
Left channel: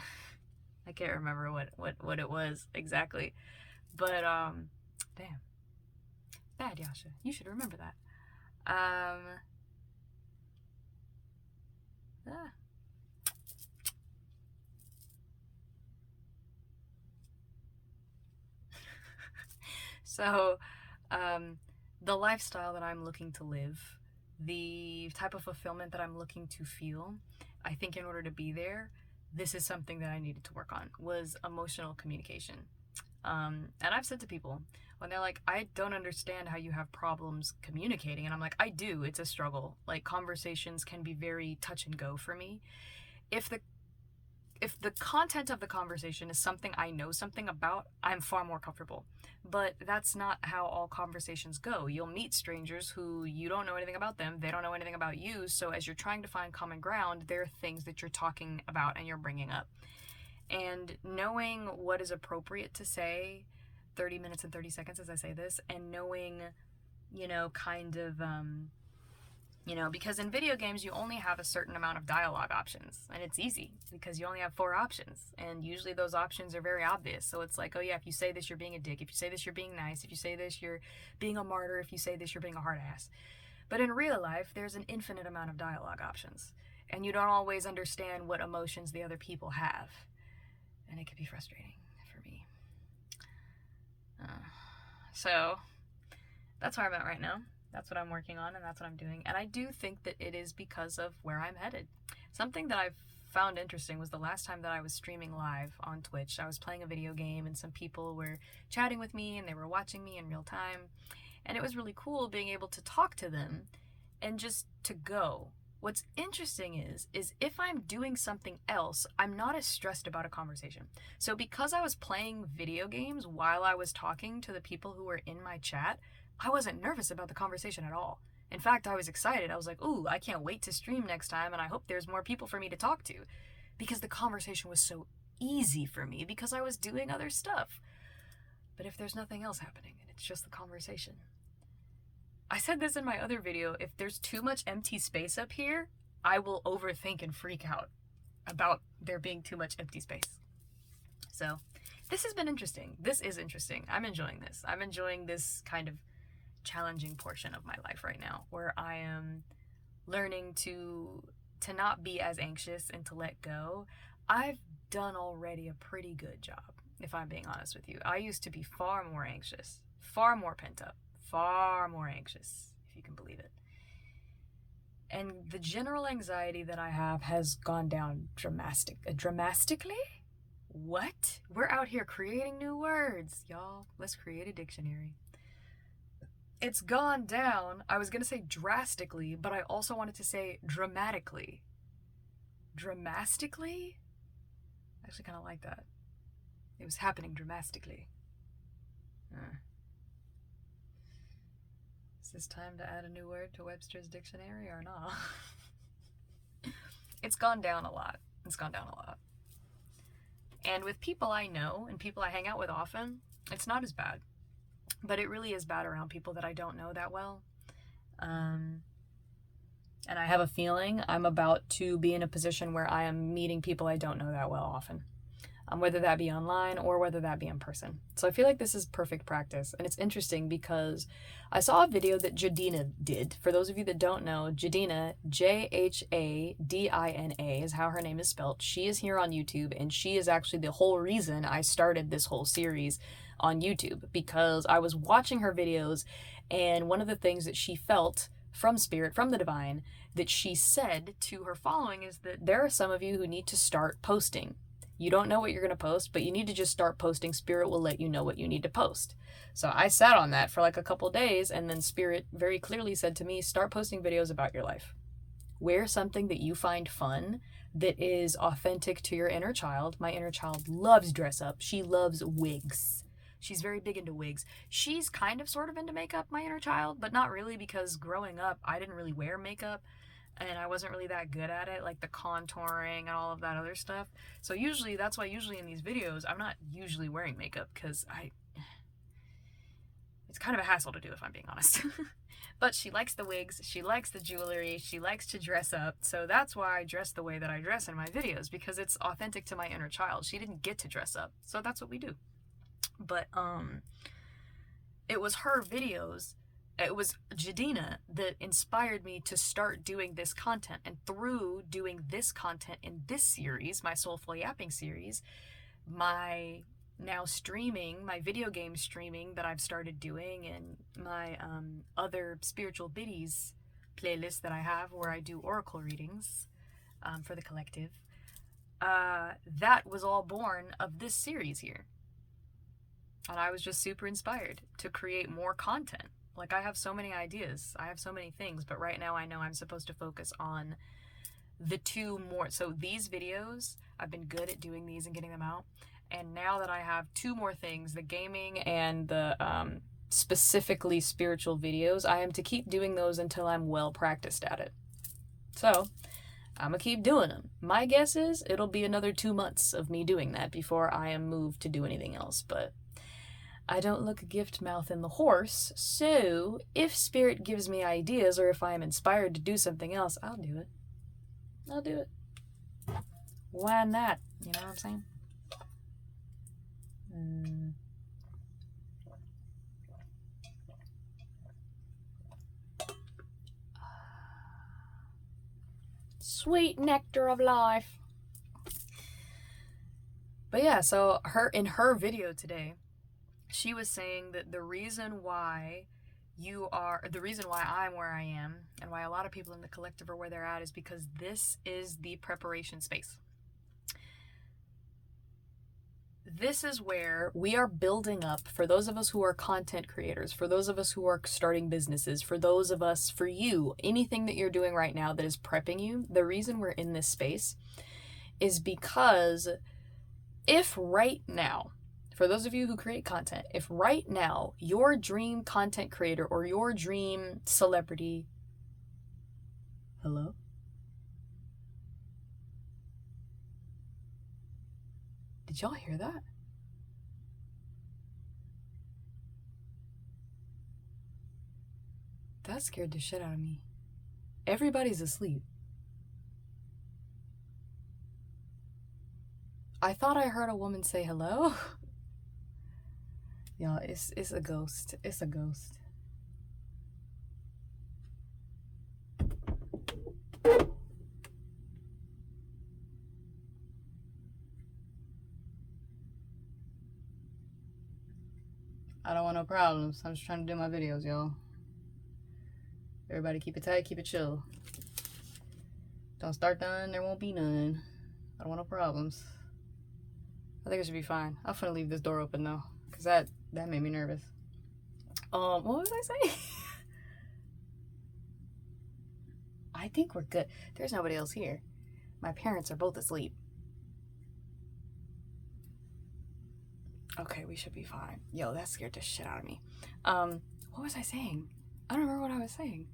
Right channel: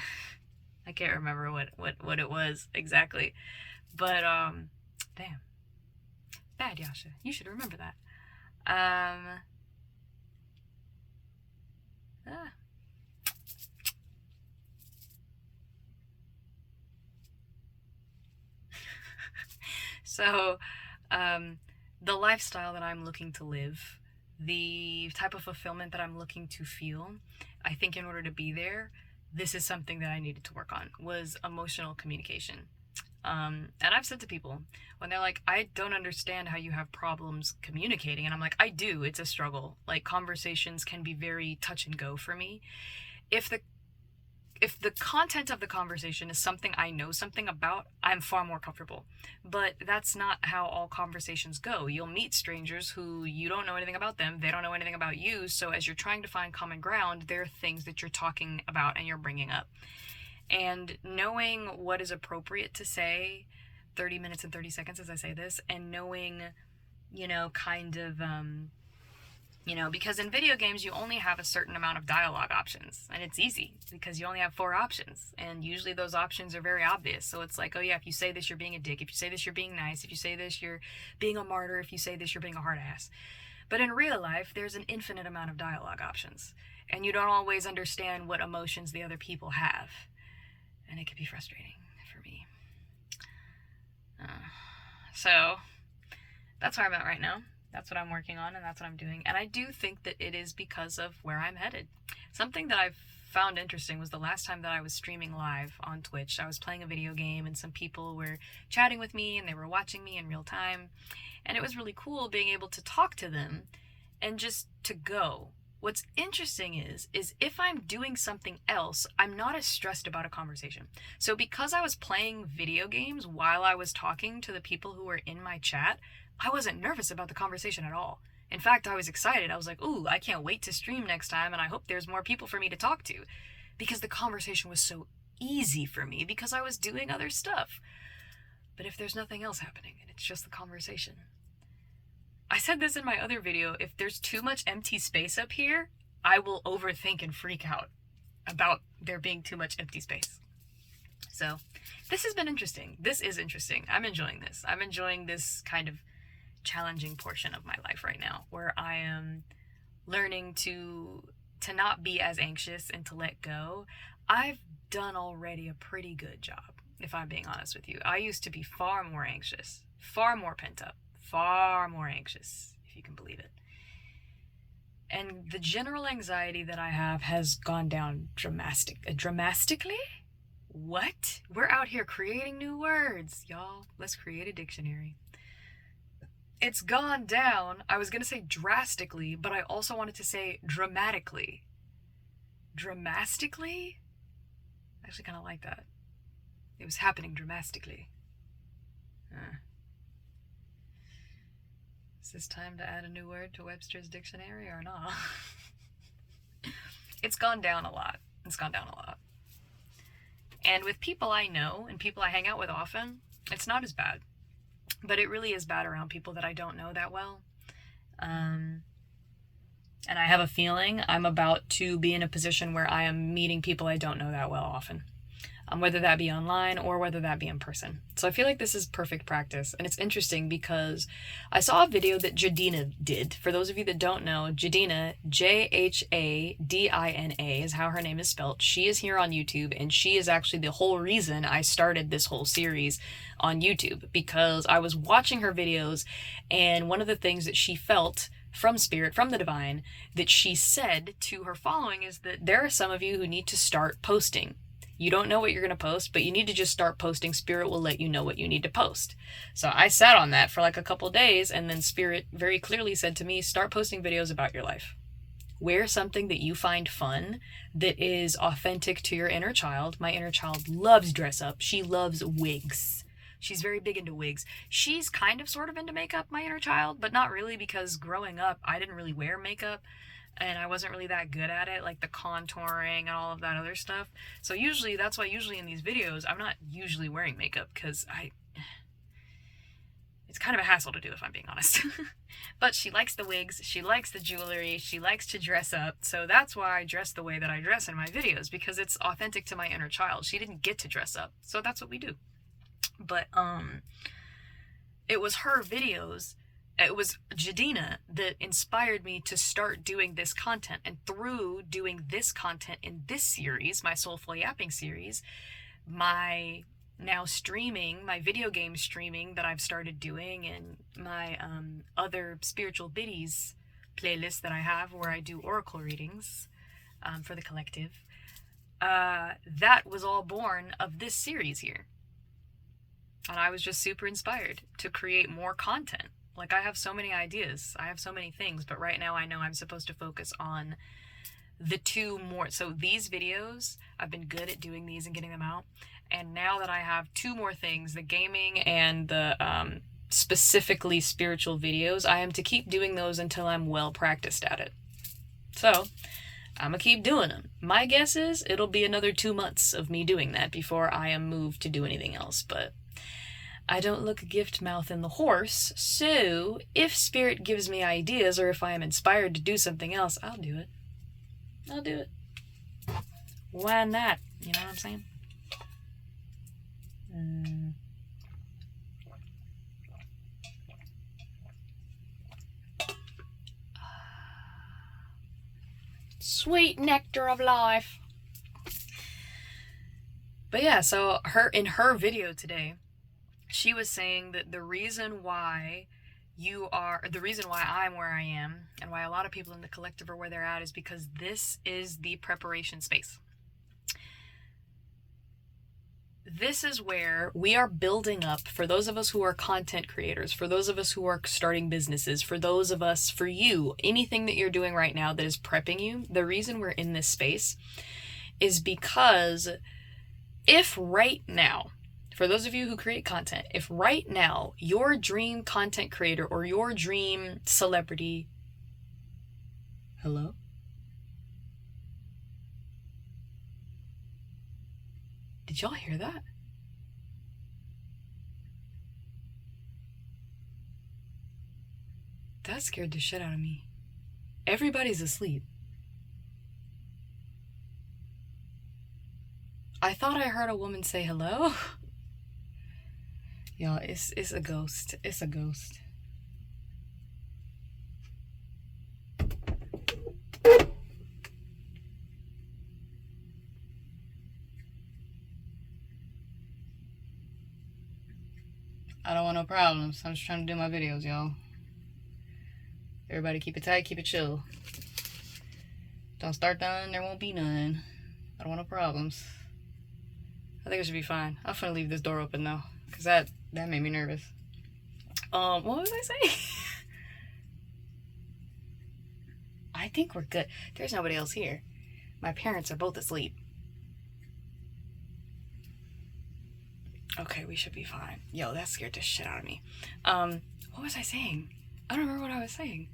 I can't remember what it was exactly. But damn. Bad, Yasha. You should remember that. So, the lifestyle that I'm looking to live the type of fulfillment that I'm looking to feel, I think in order to be there, this is something that I needed to work on, was emotional communication. And I've said to people when they're like, I don't understand how you have problems communicating. And I'm like, I do. It's a struggle. Like, conversations can be very touch and go for me. If the content of the conversation is something I know something about, I'm far more comfortable. But that's not how all conversations go. You'll meet strangers who you don't know anything about them, they don't know anything about you, so as you're trying to find common ground, there are things that you're talking about and you're bringing up. And knowing what is appropriate to say, 30 minutes and 30 seconds as I say this, and knowing, kind of, because in video games you only have a certain amount of dialogue options, and it's easy because you only have 4 options, and usually those options are very obvious. So it's like, oh yeah, if you say this, you're being a dick. If you say this, you're being nice. If you say this, you're being a martyr. If you say this, you're being a hard ass. But in real life, there's an infinite amount of dialogue options, and you don't always understand what emotions the other people have, and it can be frustrating for me. So that's where I'm at right now. That's what I'm working on, and that's what I'm doing. And I do think that it is because of where I'm headed. Something that I've found interesting was the last time that I was streaming live on Twitch. I was playing a video game, and some people were chatting with me, and they were watching me in real time. And it was really cool being able to talk to them and just to go. What's interesting is if I'm doing something else, I'm not as stressed about a conversation. So because I was playing video games while I was talking to the people who were in my chat, I wasn't nervous about the conversation at all. In fact, I was excited. I was like, ooh, I can't wait to stream next time, and I hope there's more people for me to talk to. Because the conversation was so easy for me because I was doing other stuff. But if there's nothing else happening and it's just the conversation, I said this in my other video, if there's too much empty space up here, I will overthink and freak out about there being too much empty space. So this has been interesting. This is interesting. I'm enjoying this. I'm enjoying this kind of challenging portion of my life right now, where I am learning to not be as anxious and to let go. I've done already a pretty good job, if I'm being honest with you. I used to be far more anxious, far more pent up, far more anxious, if you can believe it. And the general anxiety that I have has gone down dramatically? What? We're out here creating new words, y'all. Let's create a dictionary. It's gone down. I was going to say drastically, but I also wanted to say dramatically. Dramatically? I actually kind of like that. It was happening dramatically. Is this time to add a new word to Webster's dictionary or not? It's gone down a lot. It's gone down a lot. And with people I know and people I hang out with often, it's not as bad. But it really is bad around people that I don't know that well. And I have a feeling I'm about to be in a position where I am meeting people I don't know that well often. Whether that be online or whether that be in person. So I feel like this is perfect practice. And it's interesting because I saw a video that Jadina did. For those of you that don't know, Jadina, Jhadina, is how her name is spelled. She is here on YouTube, and she is actually the whole reason I started this whole series on YouTube, because I was watching her videos, and one of the things that she felt from spirit, from the divine, that she said to her following is that there are some of you who need to start posting. You don't know what you're going to post, but you need to just start posting. Spirit will let you know what you need to post. So I sat on that for like a couple days, and then Spirit very clearly said to me, start posting videos about your life. Wear something that you find fun, that is authentic to your inner child. My inner child loves dress up. She loves wigs. She's very big into wigs. She's kind of sort of into makeup, my inner child, but not really, because growing up, I didn't really wear makeup. And I wasn't really that good at it, like the contouring and all of that other stuff. So that's why usually in these videos, I'm not usually wearing makeup, because it's kind of a hassle to do, if I'm being honest. But she likes the wigs, she likes the jewelry, she likes to dress up. So that's why I dress the way that I dress in my videos, because it's authentic to my inner child. She didn't get to dress up, so that's what we do. But it was her videos. It was Jadina that inspired me to start doing this content. And through doing this content in this series, my Soulful Yapping series, my now streaming, my video game streaming that I've started doing, and my other spiritual biddies playlist that I have where I do oracle readings for the collective, that was all born of this series here. And I was just super inspired to create more content. Like, I have so many ideas, I have so many things, but right now I know I'm supposed to focus on the two more. So these videos, I've been good at doing these and getting them out. And now that I have two more things, the gaming and the specifically spiritual videos, I am to keep doing those until I'm well practiced at it. So I'm gonna keep doing them. My guess is it'll be another 2 months of me doing that before I am moved to do anything else. But I don't look a gift mouth in the horse, so if spirit gives me ideas or if I am inspired to do something else, I'll do it. I'll do it. Why not? You know what I'm saying? Sweet nectar of life. But yeah, so in her video today, she was saying that the reason why I'm where I am and why a lot of people in the collective are where they're at is because this is the preparation space. This is where we are building up, for those of us who are content creators, for those of us who are starting businesses, for those of us, for you, anything that you're doing right now that is prepping you, the reason we're in this space is because if right now, for those of you who create content, if right now your dream content creator or your dream celebrity, hello? Did y'all hear that? That scared the shit out of me. Everybody's asleep. I thought I heard a woman say hello. Y'all, it's a ghost. It's a ghost. I don't want no problems. I'm just trying to do my videos, y'all. Everybody keep it tight, keep it chill. Don't start none, there won't be none. I don't want no problems. I think it should be fine. I'm gonna leave this door open though, because that made me nervous. What was I saying? I think we're good. There's nobody else here. My parents are both asleep. Okay, we should be fine. Yo, that scared the shit out of me. What was I saying? I don't remember what I was saying.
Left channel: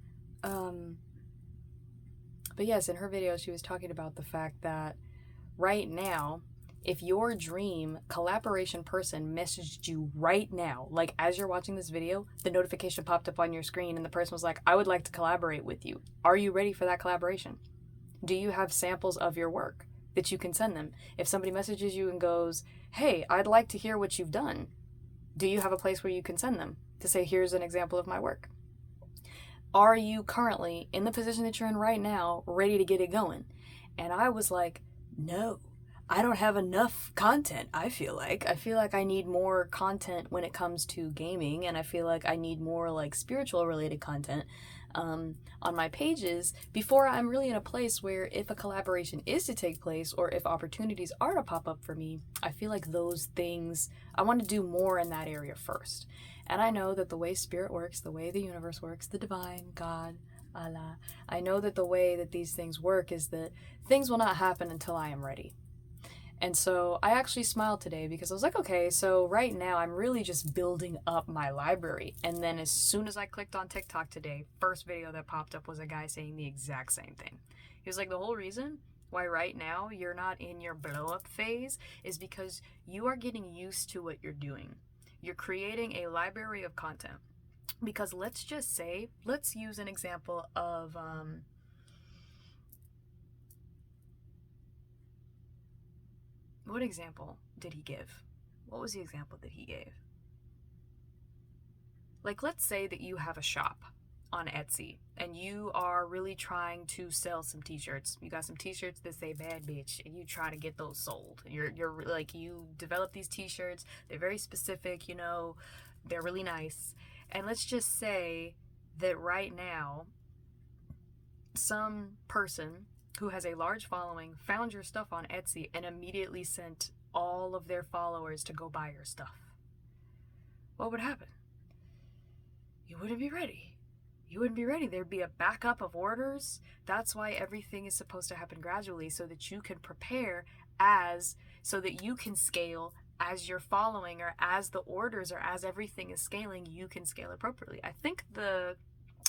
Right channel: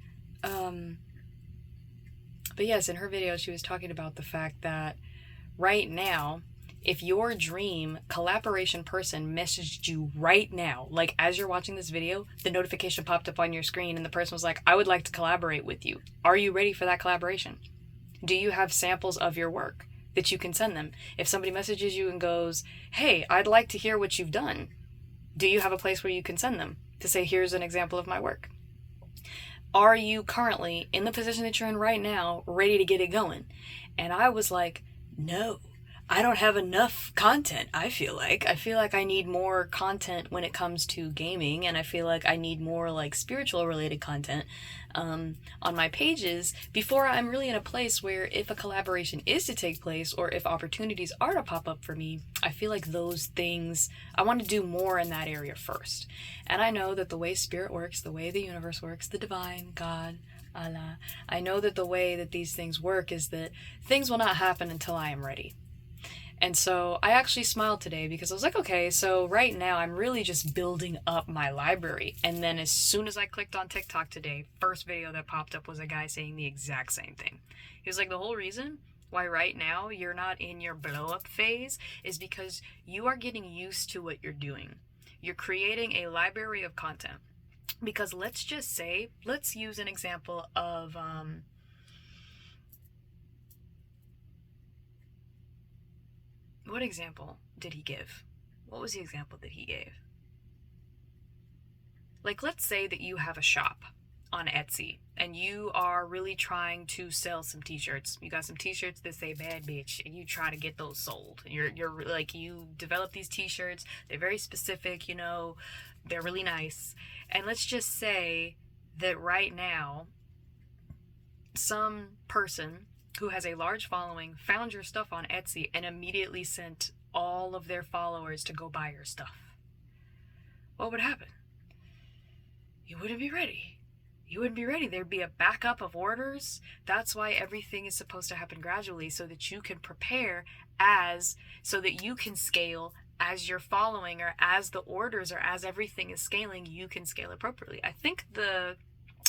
But yes, in her video, she was talking about the fact that right now, if your dream collaboration person messaged you right now, like as you're watching this video, the notification popped up on your screen and the person was like, I would like to collaborate with you. Are you ready for that collaboration? Do you have samples of your work that you can send them? If somebody messages you and goes, hey, I'd like to hear what you've done, do you have a place where you can send them to say, here's an example of my work? Are you currently in the position that you're in right now, ready to get it going? And I was like, no, I don't have enough content. I feel like I need more content when it comes to gaming, and I feel like I need more like spiritual related content on my pages before I'm really in a place where if a collaboration is to take place or if opportunities are to pop up for me, I feel like those things, I want to do more in that area first. And I know that the way spirit works, the way the universe works, the divine, God, Allah, I know that the way that these things work is that things will not happen until I am ready. And so I actually smiled today because I was like, okay, so right now I'm really just building up my library. And then as soon as I clicked on TikTok today, first video that popped up was a guy saying the exact same thing. He was like, the whole reason why right now you're not in your blow up phase is because you are getting used to what you're doing. You're creating a library of content. Because let's just say, let's use an example of, what example did he give? What was the example that he gave? Like, let's say that you have a shop on Etsy and you are really trying to sell some t-shirts. You got some t-shirts that say bad bitch and you try to get those sold. You're like, you develop these t-shirts. They're very specific, you know, they're really nice. And let's just say that right now some person who has a large following found your stuff on Etsy and immediately sent all of their followers to go buy your stuff, what would happen? You wouldn't be ready. You wouldn't be ready. There'd be a backup of orders. That's why everything is supposed to happen gradually, so that you can prepare so that you can scale as you're following, or as the orders, or as everything is scaling, you can scale appropriately. I think the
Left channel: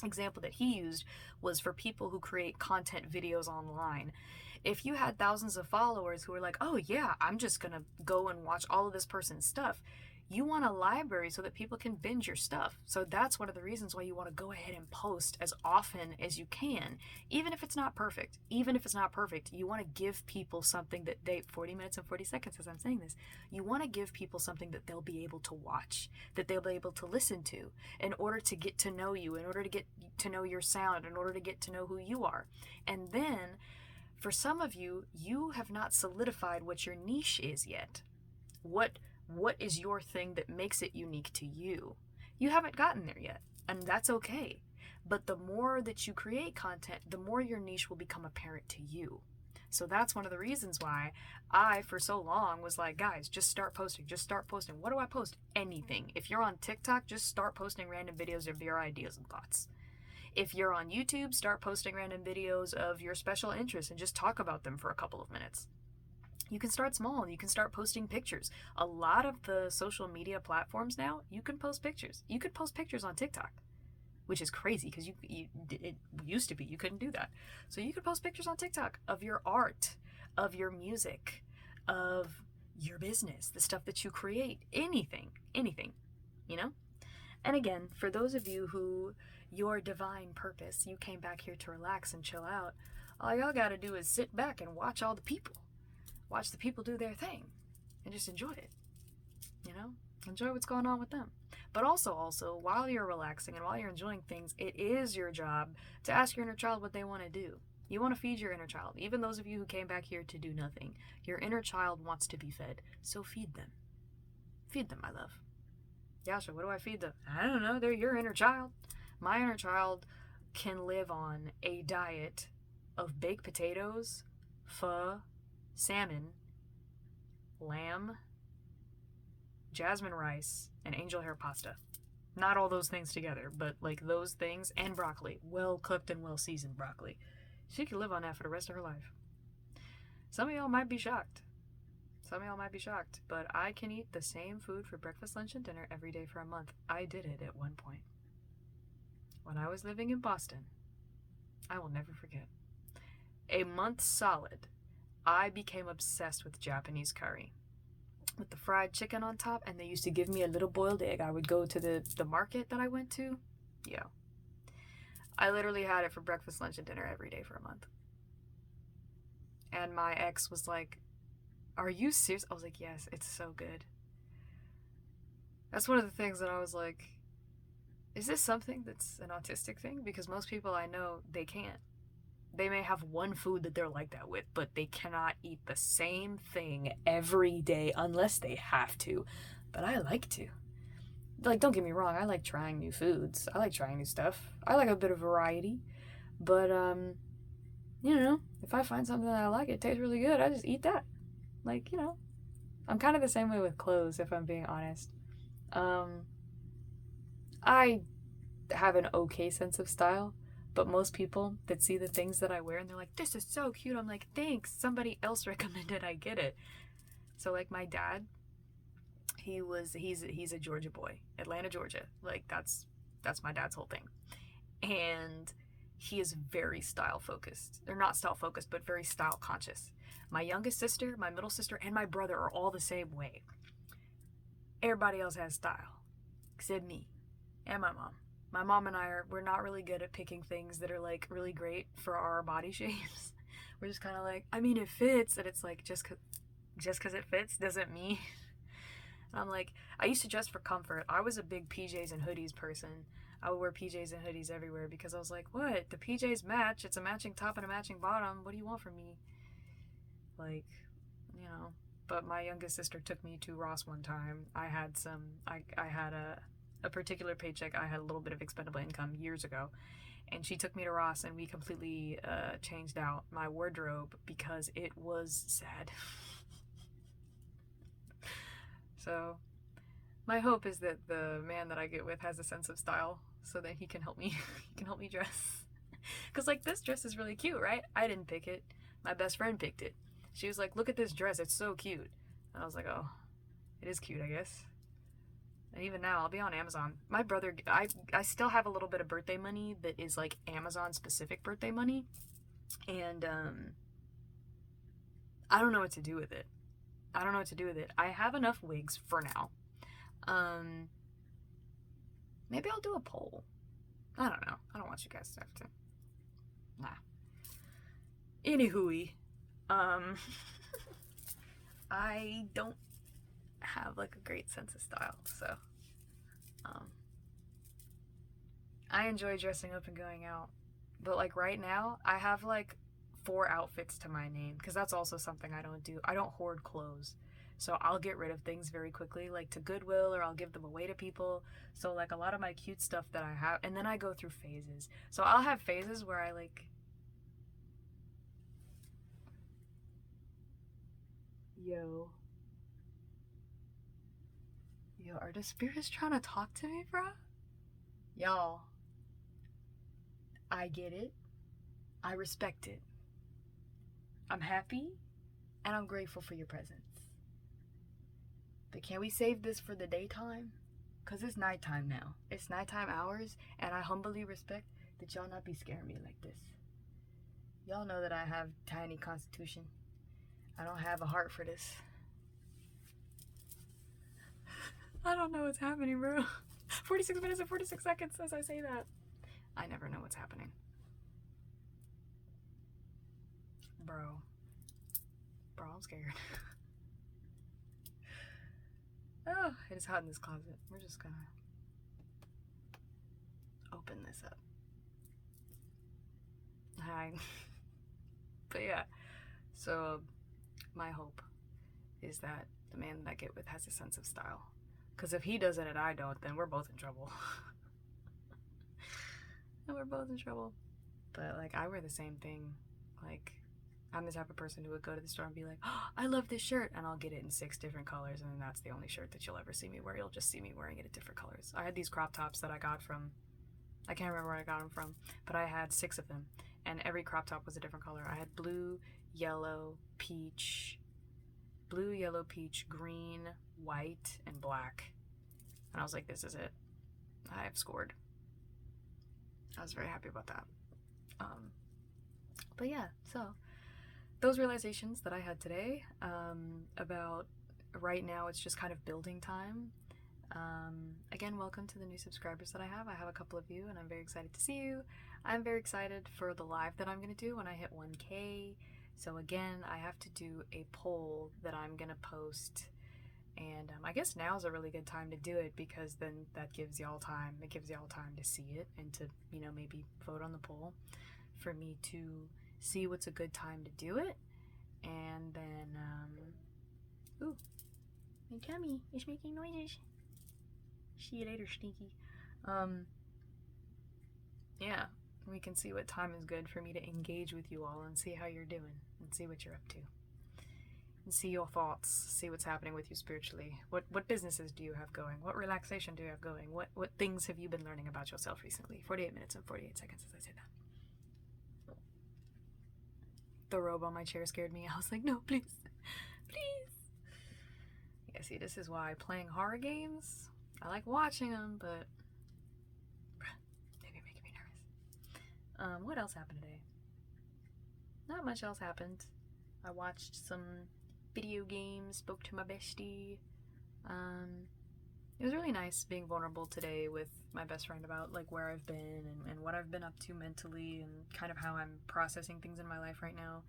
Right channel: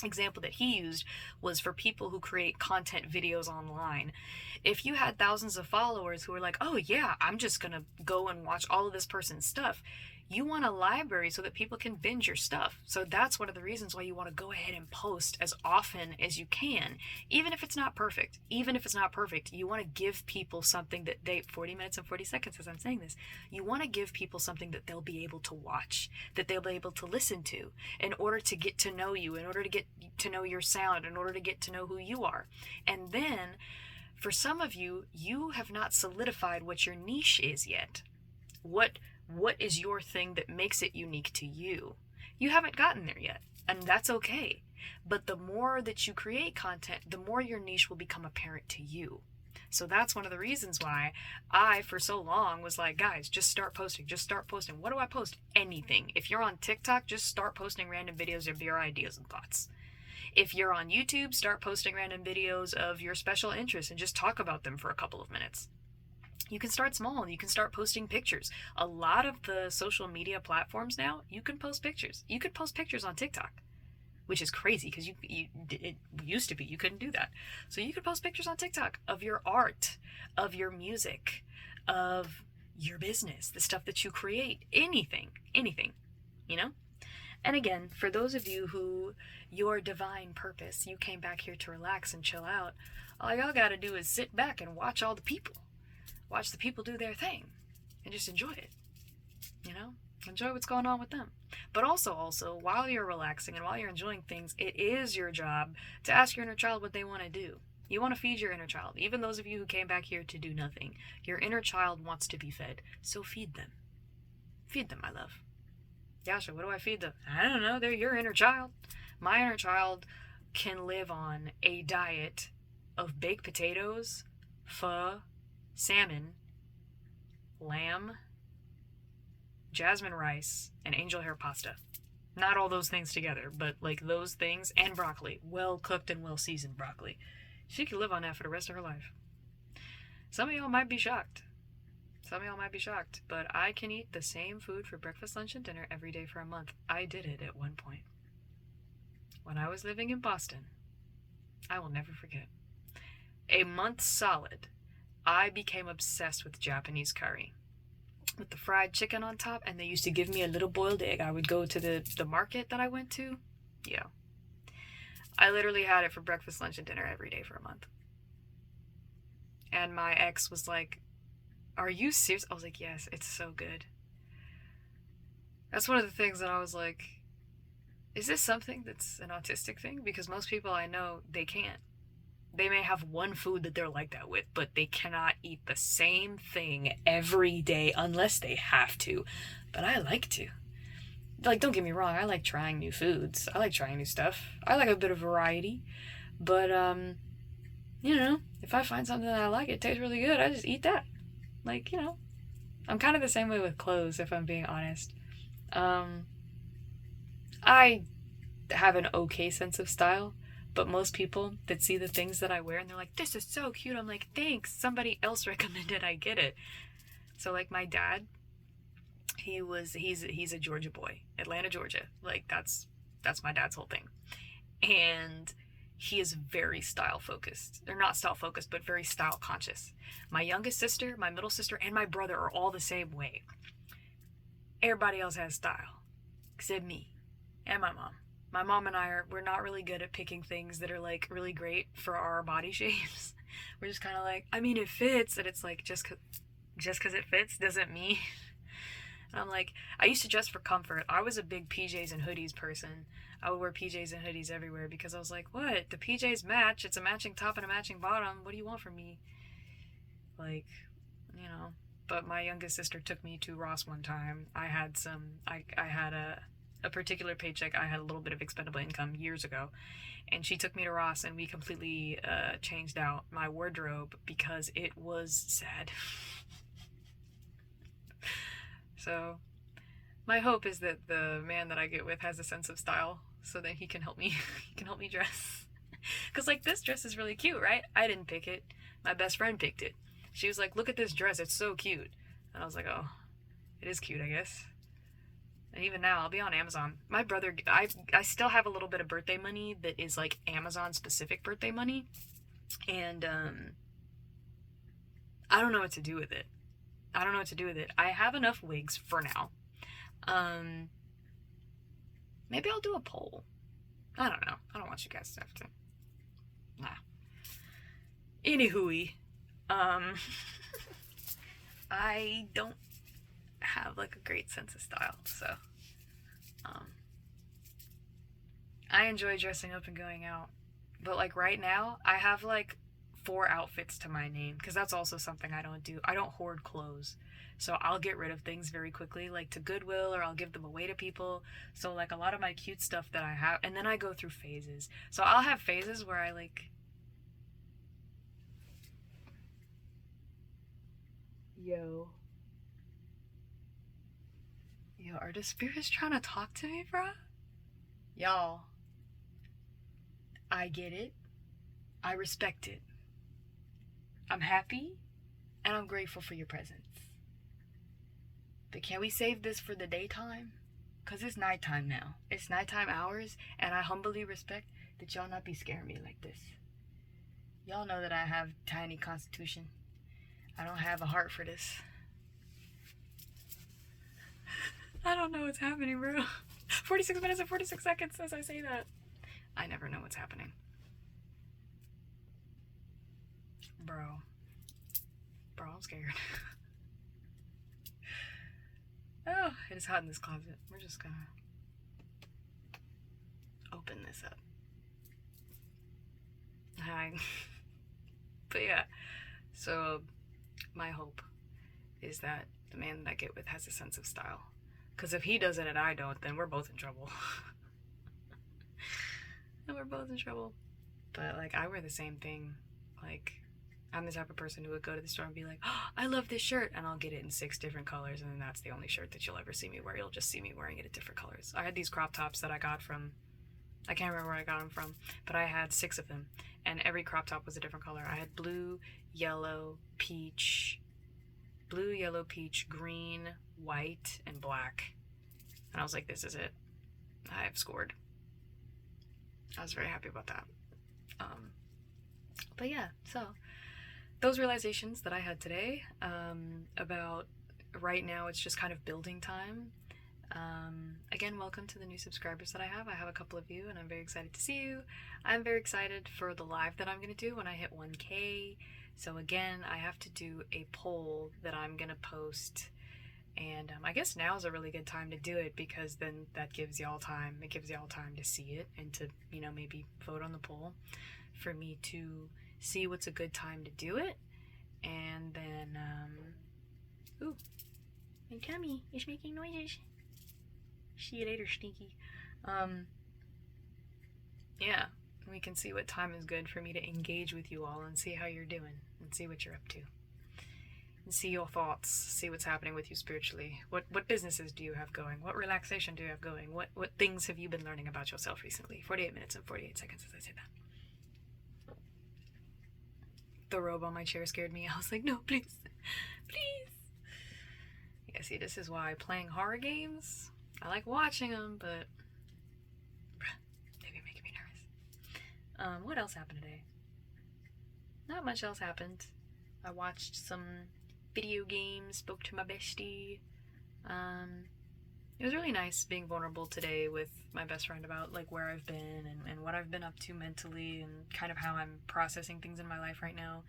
example that he used was for people who create content videos online. If you had thousands of followers who were like, oh yeah, I'm just gonna go and watch all of this person's stuff, you want a library so that people can binge your stuff. So that's one of the reasons why you want to go ahead and post as often as you can, even if it's not perfect. Even if it's not perfect, you want to give people something that 40 minutes and 40 seconds as I'm saying this, you want to give people something that they'll be able to watch, that they'll be able to listen to, in order to get to know you, in order to get to know your sound, in order to get to know who you are. And then, for some of you, you have not solidified what your niche is yet. What is your thing that makes it unique to you? You haven't gotten there yet, and that's okay. But the more that you create content, the more your niche will become apparent to you. So that's one of the reasons why I, for so long, was like, guys, just start posting. Just start posting. What do I post? Anything. If you're on TikTok, just start posting random videos of your ideas and thoughts. If you're on YouTube, start posting random videos of your special interests and just talk about them for a couple of minutes. You can start small and you can start posting pictures. A lot of the social media platforms now, you can post pictures. You could post pictures on TikTok, which is crazy because it used to be you couldn't do that. So you could post pictures on TikTok of your art, of your music, of your business, the stuff that you create, anything, you know? And again, for those of you who your divine purpose, you came back here to relax and chill out, all y'all gotta do is sit back and watch all the people. Watch the people do their thing and just enjoy it, enjoy what's going on with them. But also, while you're relaxing and while you're enjoying things, it is your job to ask your inner child what they want to do. You want to feed your inner child. Even those of you who came back here to do nothing, your inner child wants to be fed. So feed them. Feed them, my love. Yasha, what do I feed them? I don't know. They're your inner child. My inner child can live on a diet of baked potatoes, pho, salmon, lamb, jasmine rice, and angel hair pasta. Not all those things together, but like those things, and broccoli. Well cooked and well seasoned broccoli. She could live on that for the rest of her life. Some of y'all might be shocked. But I can eat the same food for breakfast, lunch, and dinner every day for a month. I did it at one point. When I was living in Boston, I will never forget. A month solid, I became obsessed with Japanese curry, with the fried chicken on top, and they used to give me a little boiled egg. I would go to the market that I went to. Yeah. I literally had it for breakfast, lunch, and dinner every day for a month. And my ex was like, are you serious? I was like, yes, it's so good. That's one of the things that I was like, is this something that's an autistic thing? Because most people I know, they can't. They may have one food that they're like that with, but they cannot eat the same thing every day unless they have to. But I like to. Like, don't get me wrong, I like trying new foods. I like trying new stuff. I like a bit of variety. But, if I find something that I like, it tastes really good, I just eat that. Like, I'm kind of the same way with clothes, if I'm being honest. I have an okay sense of style. But most people that see the things that I wear and they're like, this is so cute. I'm like, thanks. Somebody else recommended I get it. So like my dad, he's a Georgia boy, Atlanta, Georgia. Like that's my dad's whole thing. And he is very style focused. They're not style focused, but very style conscious. My youngest sister, my middle sister, and my brother are all the same way. Everybody else has style, except me and my mom. My mom and we're not really good at picking things that are like really great for our body shapes. We're just kind of like, I mean, it fits, and it's like just cause it fits doesn't mean. And I'm like, I used to dress for comfort. I was a big PJs and hoodies person. I would wear PJs and hoodies everywhere because I was like, what? The PJs match. It's a matching top and a matching bottom. What do you want from me? Like, But my youngest sister took me to Ross one time. I had a a particular paycheck, I had a little bit of expendable income years ago, and she took me to Ross, and we completely changed out my wardrobe because it was sad. So my hope is that the man that I get with has a sense of style, so that he can help me. He can help me dress. Cause like this dress is really cute, right? I didn't pick it. My best friend picked it. She was like, "Look at this dress. It's so cute." And I was like, "Oh, it is cute, I guess." And even now, I'll be on Amazon. My brother, I still have a little bit of birthday money that is like Amazon specific birthday money, and I don't know what to do with it. I don't know what to do with it. I have enough wigs for now. Um, Maybe I'll do a poll. I don't know. I don't want you guys to have to. Nah. Anywho, I don't have like a great sense of style, so I enjoy dressing up and going out. But like right now, I have like 4 outfits to my name, because that's also something I don't do. I don't hoard clothes. So I'll get rid of things very quickly, like to Goodwill, or I'll give them away to people. So like a lot of my cute stuff that I have, and then I go through phases. So I'll have phases where I like, yo, are the spirits trying to talk to me, bro? Y'all, I get it. I respect it. I'm happy, and I'm grateful for your presence. But can we save this for the daytime? Because it's nighttime now. It's nighttime hours, and I humbly respect that y'all not be scaring me like this. Y'all know that I have tiny constitution. I don't have a heart for this. I don't know what's happening, bro. 46 minutes and 46 seconds as I say that. I never know what's happening. Bro, I'm scared. Oh, it is hot in this closet. We're just gonna open this up. Hi. But yeah, so my hope is that the man that I get with has a sense of style. Because if he doesn't and I don't, then we're both in trouble. And we're both in trouble. But like, I wear the same thing. Like, I'm the type of person who would go to the store and be like, "Oh, I love this shirt," and I'll get it in 6 different colors, and then that's the only shirt that you'll ever see me wear. You'll just see me wearing it in different colors. I had these crop tops that I got from, I can't remember where I got them from, but I had 6 of them, and every crop top was a different color. I had blue, yellow, peach, green, white, and black. And I was like, this is it. I have scored. I was very happy about that. But yeah, so those realizations that I had today, about right now it's just kind of building time. Again, welcome to the new subscribers that I have. I have a couple of you, and I'm very excited to see you. I'm very excited for the live that I'm going to do when I hit 1K. So again, I have to do a poll that I'm going to post, and I guess now is a really good time to do it, because then that gives y'all time. It gives y'all time to see it and to, you know, maybe vote on the poll for me to see what's a good time to do it. And then, ooh, my tummy is making noises. See you later, Stinky. Yeah, we can see what time is good for me to engage with you all and see how you're doing and see what you're up to. And see your thoughts, see what's happening with you spiritually. What businesses do you have going? What relaxation do you have going? What things have you been learning about yourself recently? 48 minutes and 48 seconds as I say that. The robe on my chair scared me. I was like, no, please. Please. Yeah, see, this is why playing horror games, I like watching them, but they be making me nervous. What else happened today? Not much else happened. I watched some video games, spoke to my bestie. It was really nice being vulnerable today with my best friend about like where I've been and what I've been up to mentally and kind of how I'm processing things in my life right now.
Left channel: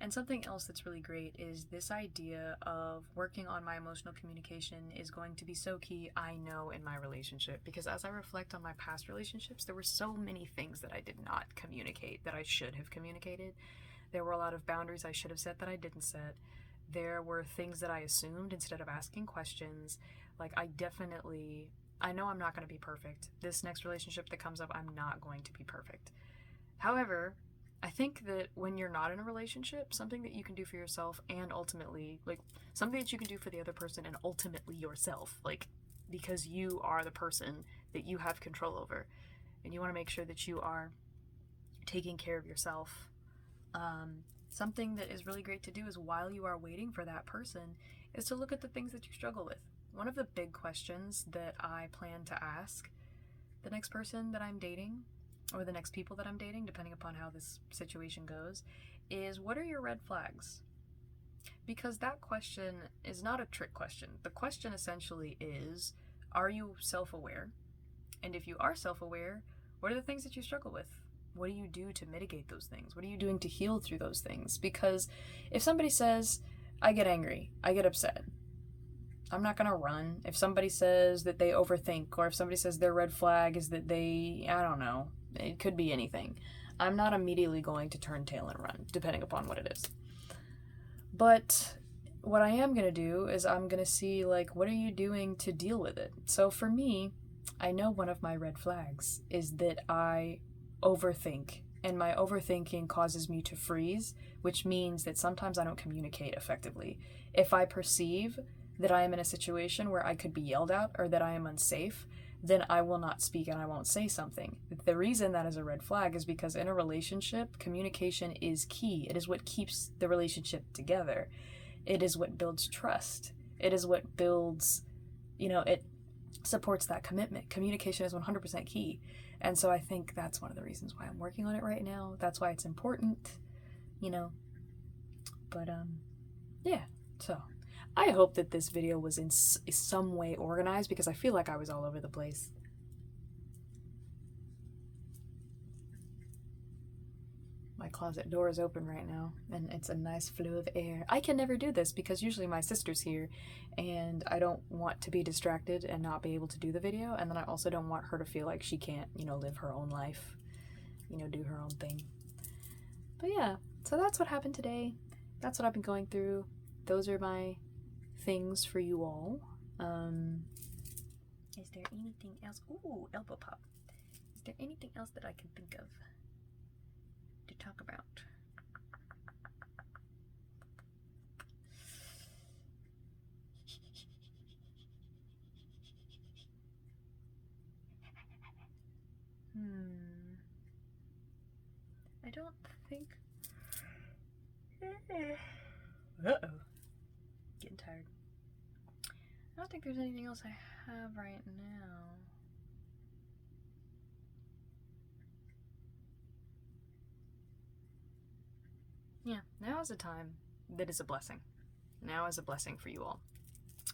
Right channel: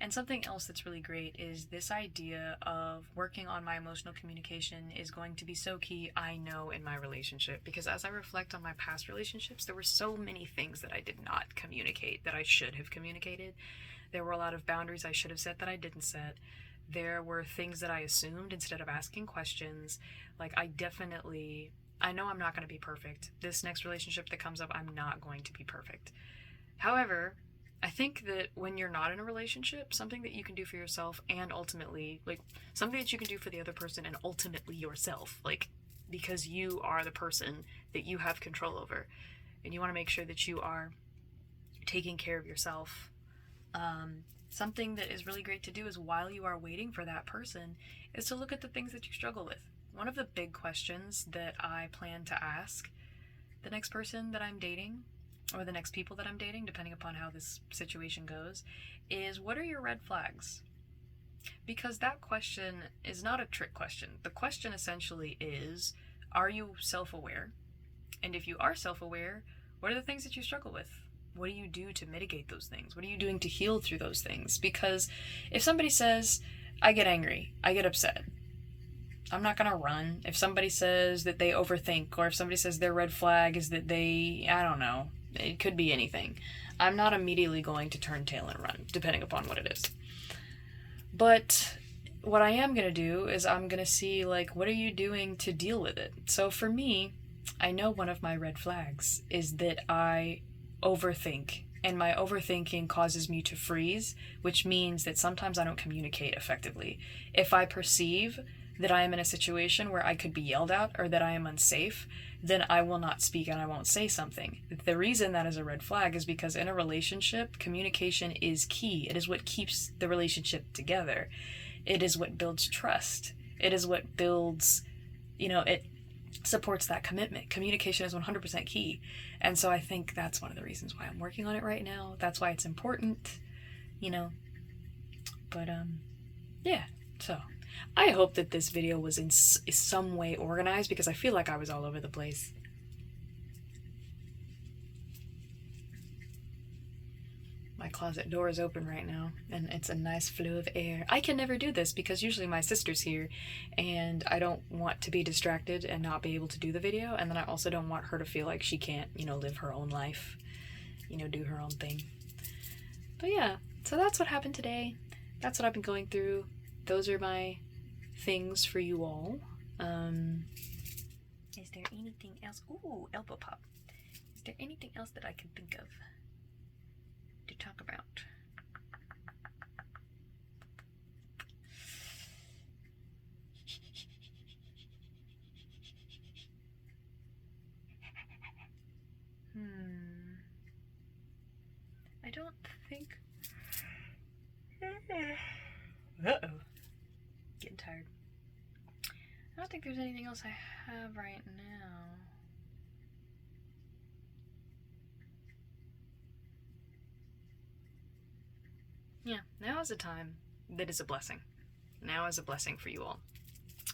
And something else that's really great is this idea of working on my emotional communication is going to be so key, I know, in my relationship. Because as I reflect on my past relationships, there were so many things that I did not communicate that I should have communicated. There were a lot of boundaries I should have set that I didn't set. There were things that I assumed instead of asking questions. Like, I definitely I know I'm not going to be perfect. This next relationship that comes up, I'm not going to be perfect. However, I think that when you're not in a relationship, something that you can do for yourself and ultimately, like, something that you can do for the other person and ultimately yourself, like, because you are the person that you have control over, and you want to make sure that you are taking care of yourself. Something that is really great to do is while you are waiting for that person is to look at the things that you struggle with. One of the big questions that I plan to ask the next person that I'm dating, or the next people that I'm dating, depending upon how this situation goes, is what are your red flags? Because that question is not a trick question. The question essentially is, are you self-aware? And if you are self-aware, what are the things that you struggle with? What do you do to mitigate those things? What are you doing to heal through those things? Because if somebody says, I get angry, I get upset, I'm not going to run. If somebody says that they overthink, or if somebody says their red flag is that they, I don't know, it could be anything, I'm not immediately going to turn tail and run, depending upon what it is. But what I am going to do is I'm going to see, like, what are you doing to deal with it? So for me, I know one of my red flags is that I overthink, and my overthinking causes me to freeze, which means that sometimes I don't communicate effectively. If I perceive that I am in a situation where I could be yelled at or that I am unsafe, then I will not speak and I won't say something. The reason that is a red flag is because in a relationship, communication is key. It is what keeps the relationship together. It is what builds trust. It is what builds, it supports that commitment. Communication is 100% key. And so I think that's one of the reasons why I'm working on it right now. That's why it's important, But, yeah, so I hope that this video was in some way organized, because I feel like I was all over the place. My closet door is open right now, and it's a nice flow of air. I can never do this because usually my sister's here, and I don't want to be distracted and not be able to do the video, and then I also don't want her to feel like she can't, live her own life, do her own thing. But yeah, so that's what happened today. That's what I've been going through. Those are my things for you all. Is there anything else? Ooh, elbow pop. Is there anything else that I can think of to talk about? I don't think. Uh-oh. Getting tired. I don't think there's anything else I have right now. Yeah, now is a time that is a blessing. Now is a blessing for you all,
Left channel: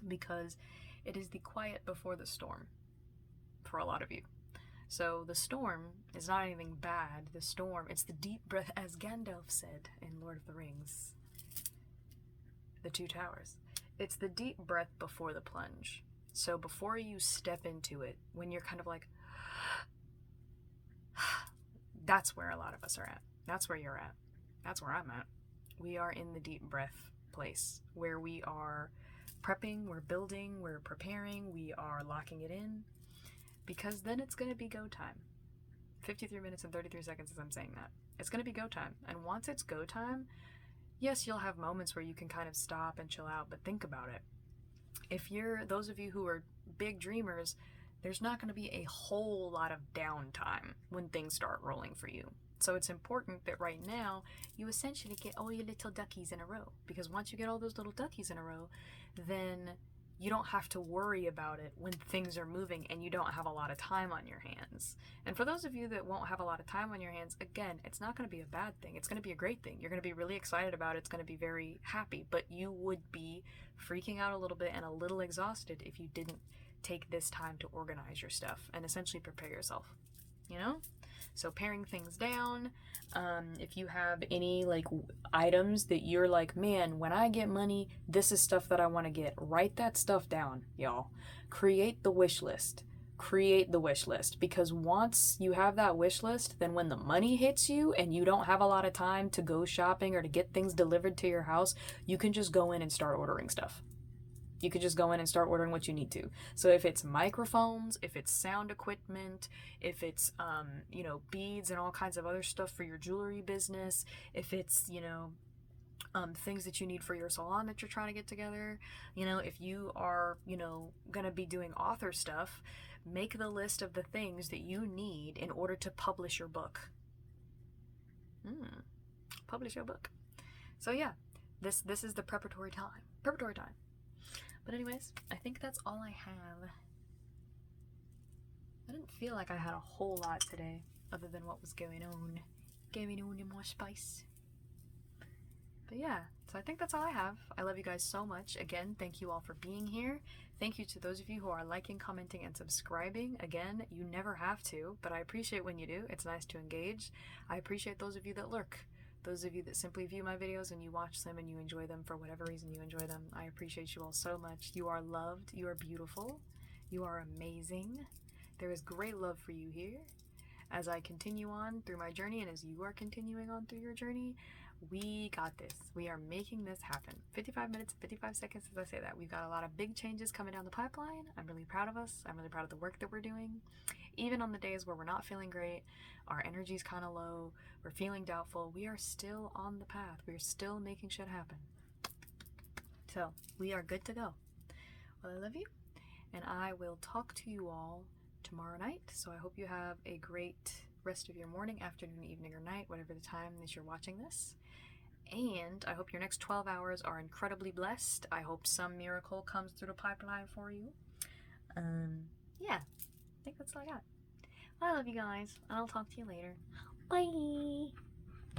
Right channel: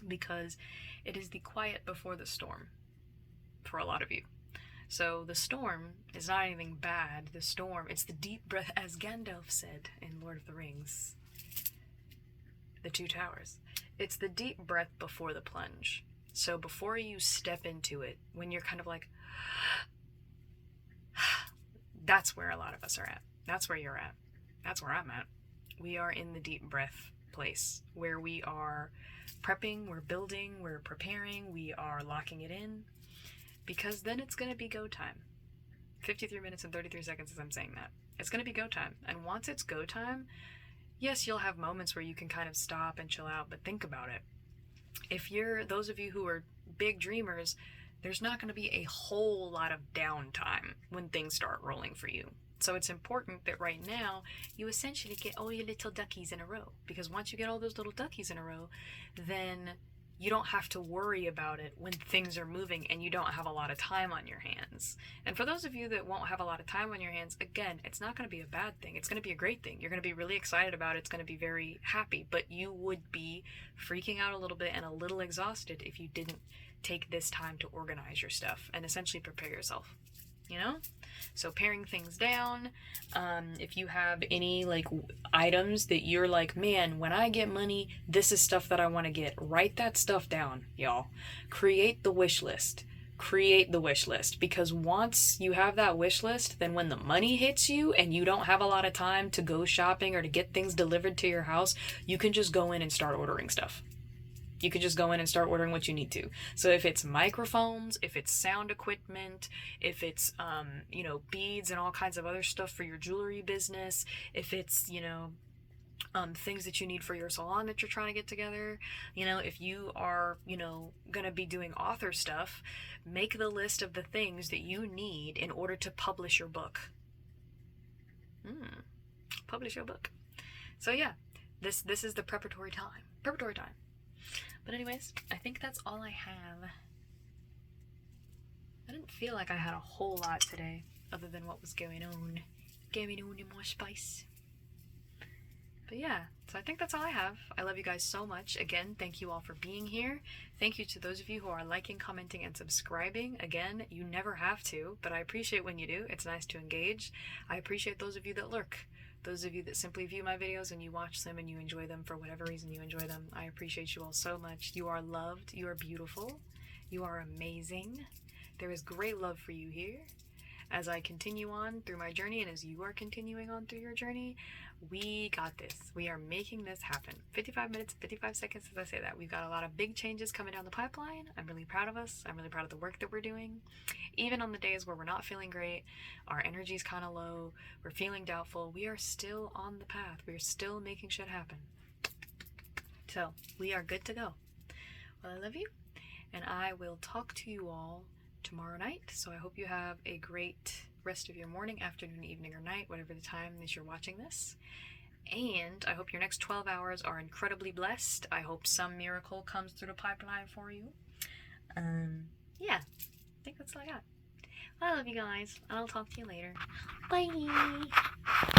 because it is the quiet before the storm for a lot of you. So the storm is not anything bad. The storm, it's the deep breath, as Gandalf said in Lord of the Rings, The Two Towers. It's the deep breath before the plunge. So before you step into it, when you're kind of like, that's where a lot of us are at. That's where you're at. That's where I'm at. We are in the deep breath place where we are prepping, we're building, we're preparing, we are locking it in, because then it's going to be go time. 53 minutes and 33 seconds as I'm saying that. It's going to be go time. And once it's go time, yes, you'll have moments where you can kind of stop and chill out, but think about it. If you're, those of you who are big dreamers, there's not going to be a whole lot of downtime when things start rolling for you. So it's important that right now you essentially get all your little duckies in a row, because once you get all those little duckies in a row, then you don't have to worry about it when things are moving and you don't have a lot of time on your hands. And for those of you that won't have a lot of time on your hands, again, it's not going to be a bad thing. It's going to be a great thing. You're going to be really excited about it. It's going to be very happy, but you would be freaking out a little bit and a little exhausted if you didn't take this time to organize your stuff and essentially prepare yourself, So paring things down, if you have any items that you're like, man, when I get money, this is stuff that I want to get, write that stuff down, y'all. Create the wish list. Create the wish list, because once you have that wish list, then when the money hits you and you don't have a lot of time to go shopping or to get things delivered to your house, you can just go in and start ordering stuff. You could just go in and start ordering what you need to. So if it's microphones, if it's sound equipment, if it's beads and all kinds of other stuff for your jewelry business, if it's things that you need for your salon that you're trying to get together, if you are gonna be doing author stuff, make the list of the things that you need in order to publish your book. Publish your book. So yeah, this is the preparatory time. But anyways, I think that's all I have. I didn't feel like I had a whole lot today other than what was going on in my space. But yeah, so I think that's all I have. I love you guys so much. Again, thank you all for being here. Thank you to those of you who are liking, commenting, and subscribing. Again, you never have to, but I appreciate when you do. It's nice to engage. I appreciate those of you that lurk. Those of you that simply view my videos and you watch them and you enjoy them for whatever reason you enjoy them. I appreciate you all so much. You are loved. You are beautiful. You are amazing. There is great love for you here. As I continue on through my journey and as you are continuing on through your journey, we got this. We are making this happen. 55 minutes, 55 seconds as I say that. We've got a lot of big changes coming down the pipeline. I'm really proud of us. I'm really proud of the work that we're doing. Even on the days where we're not feeling great, our energy's kind of low, we're feeling doubtful, we are still on the path. We're still making shit happen. So, we are good to go. Well, I love you, and I will talk to you all tomorrow night. So I hope you have a great rest of your morning, afternoon, evening, or night, whatever the time that you're watching this. And I hope your next 12 hours are incredibly blessed. I hope some miracle comes through the pipeline for you. Yeah, I think that's all I got. I love you guys, and I'll talk to you later. Bye!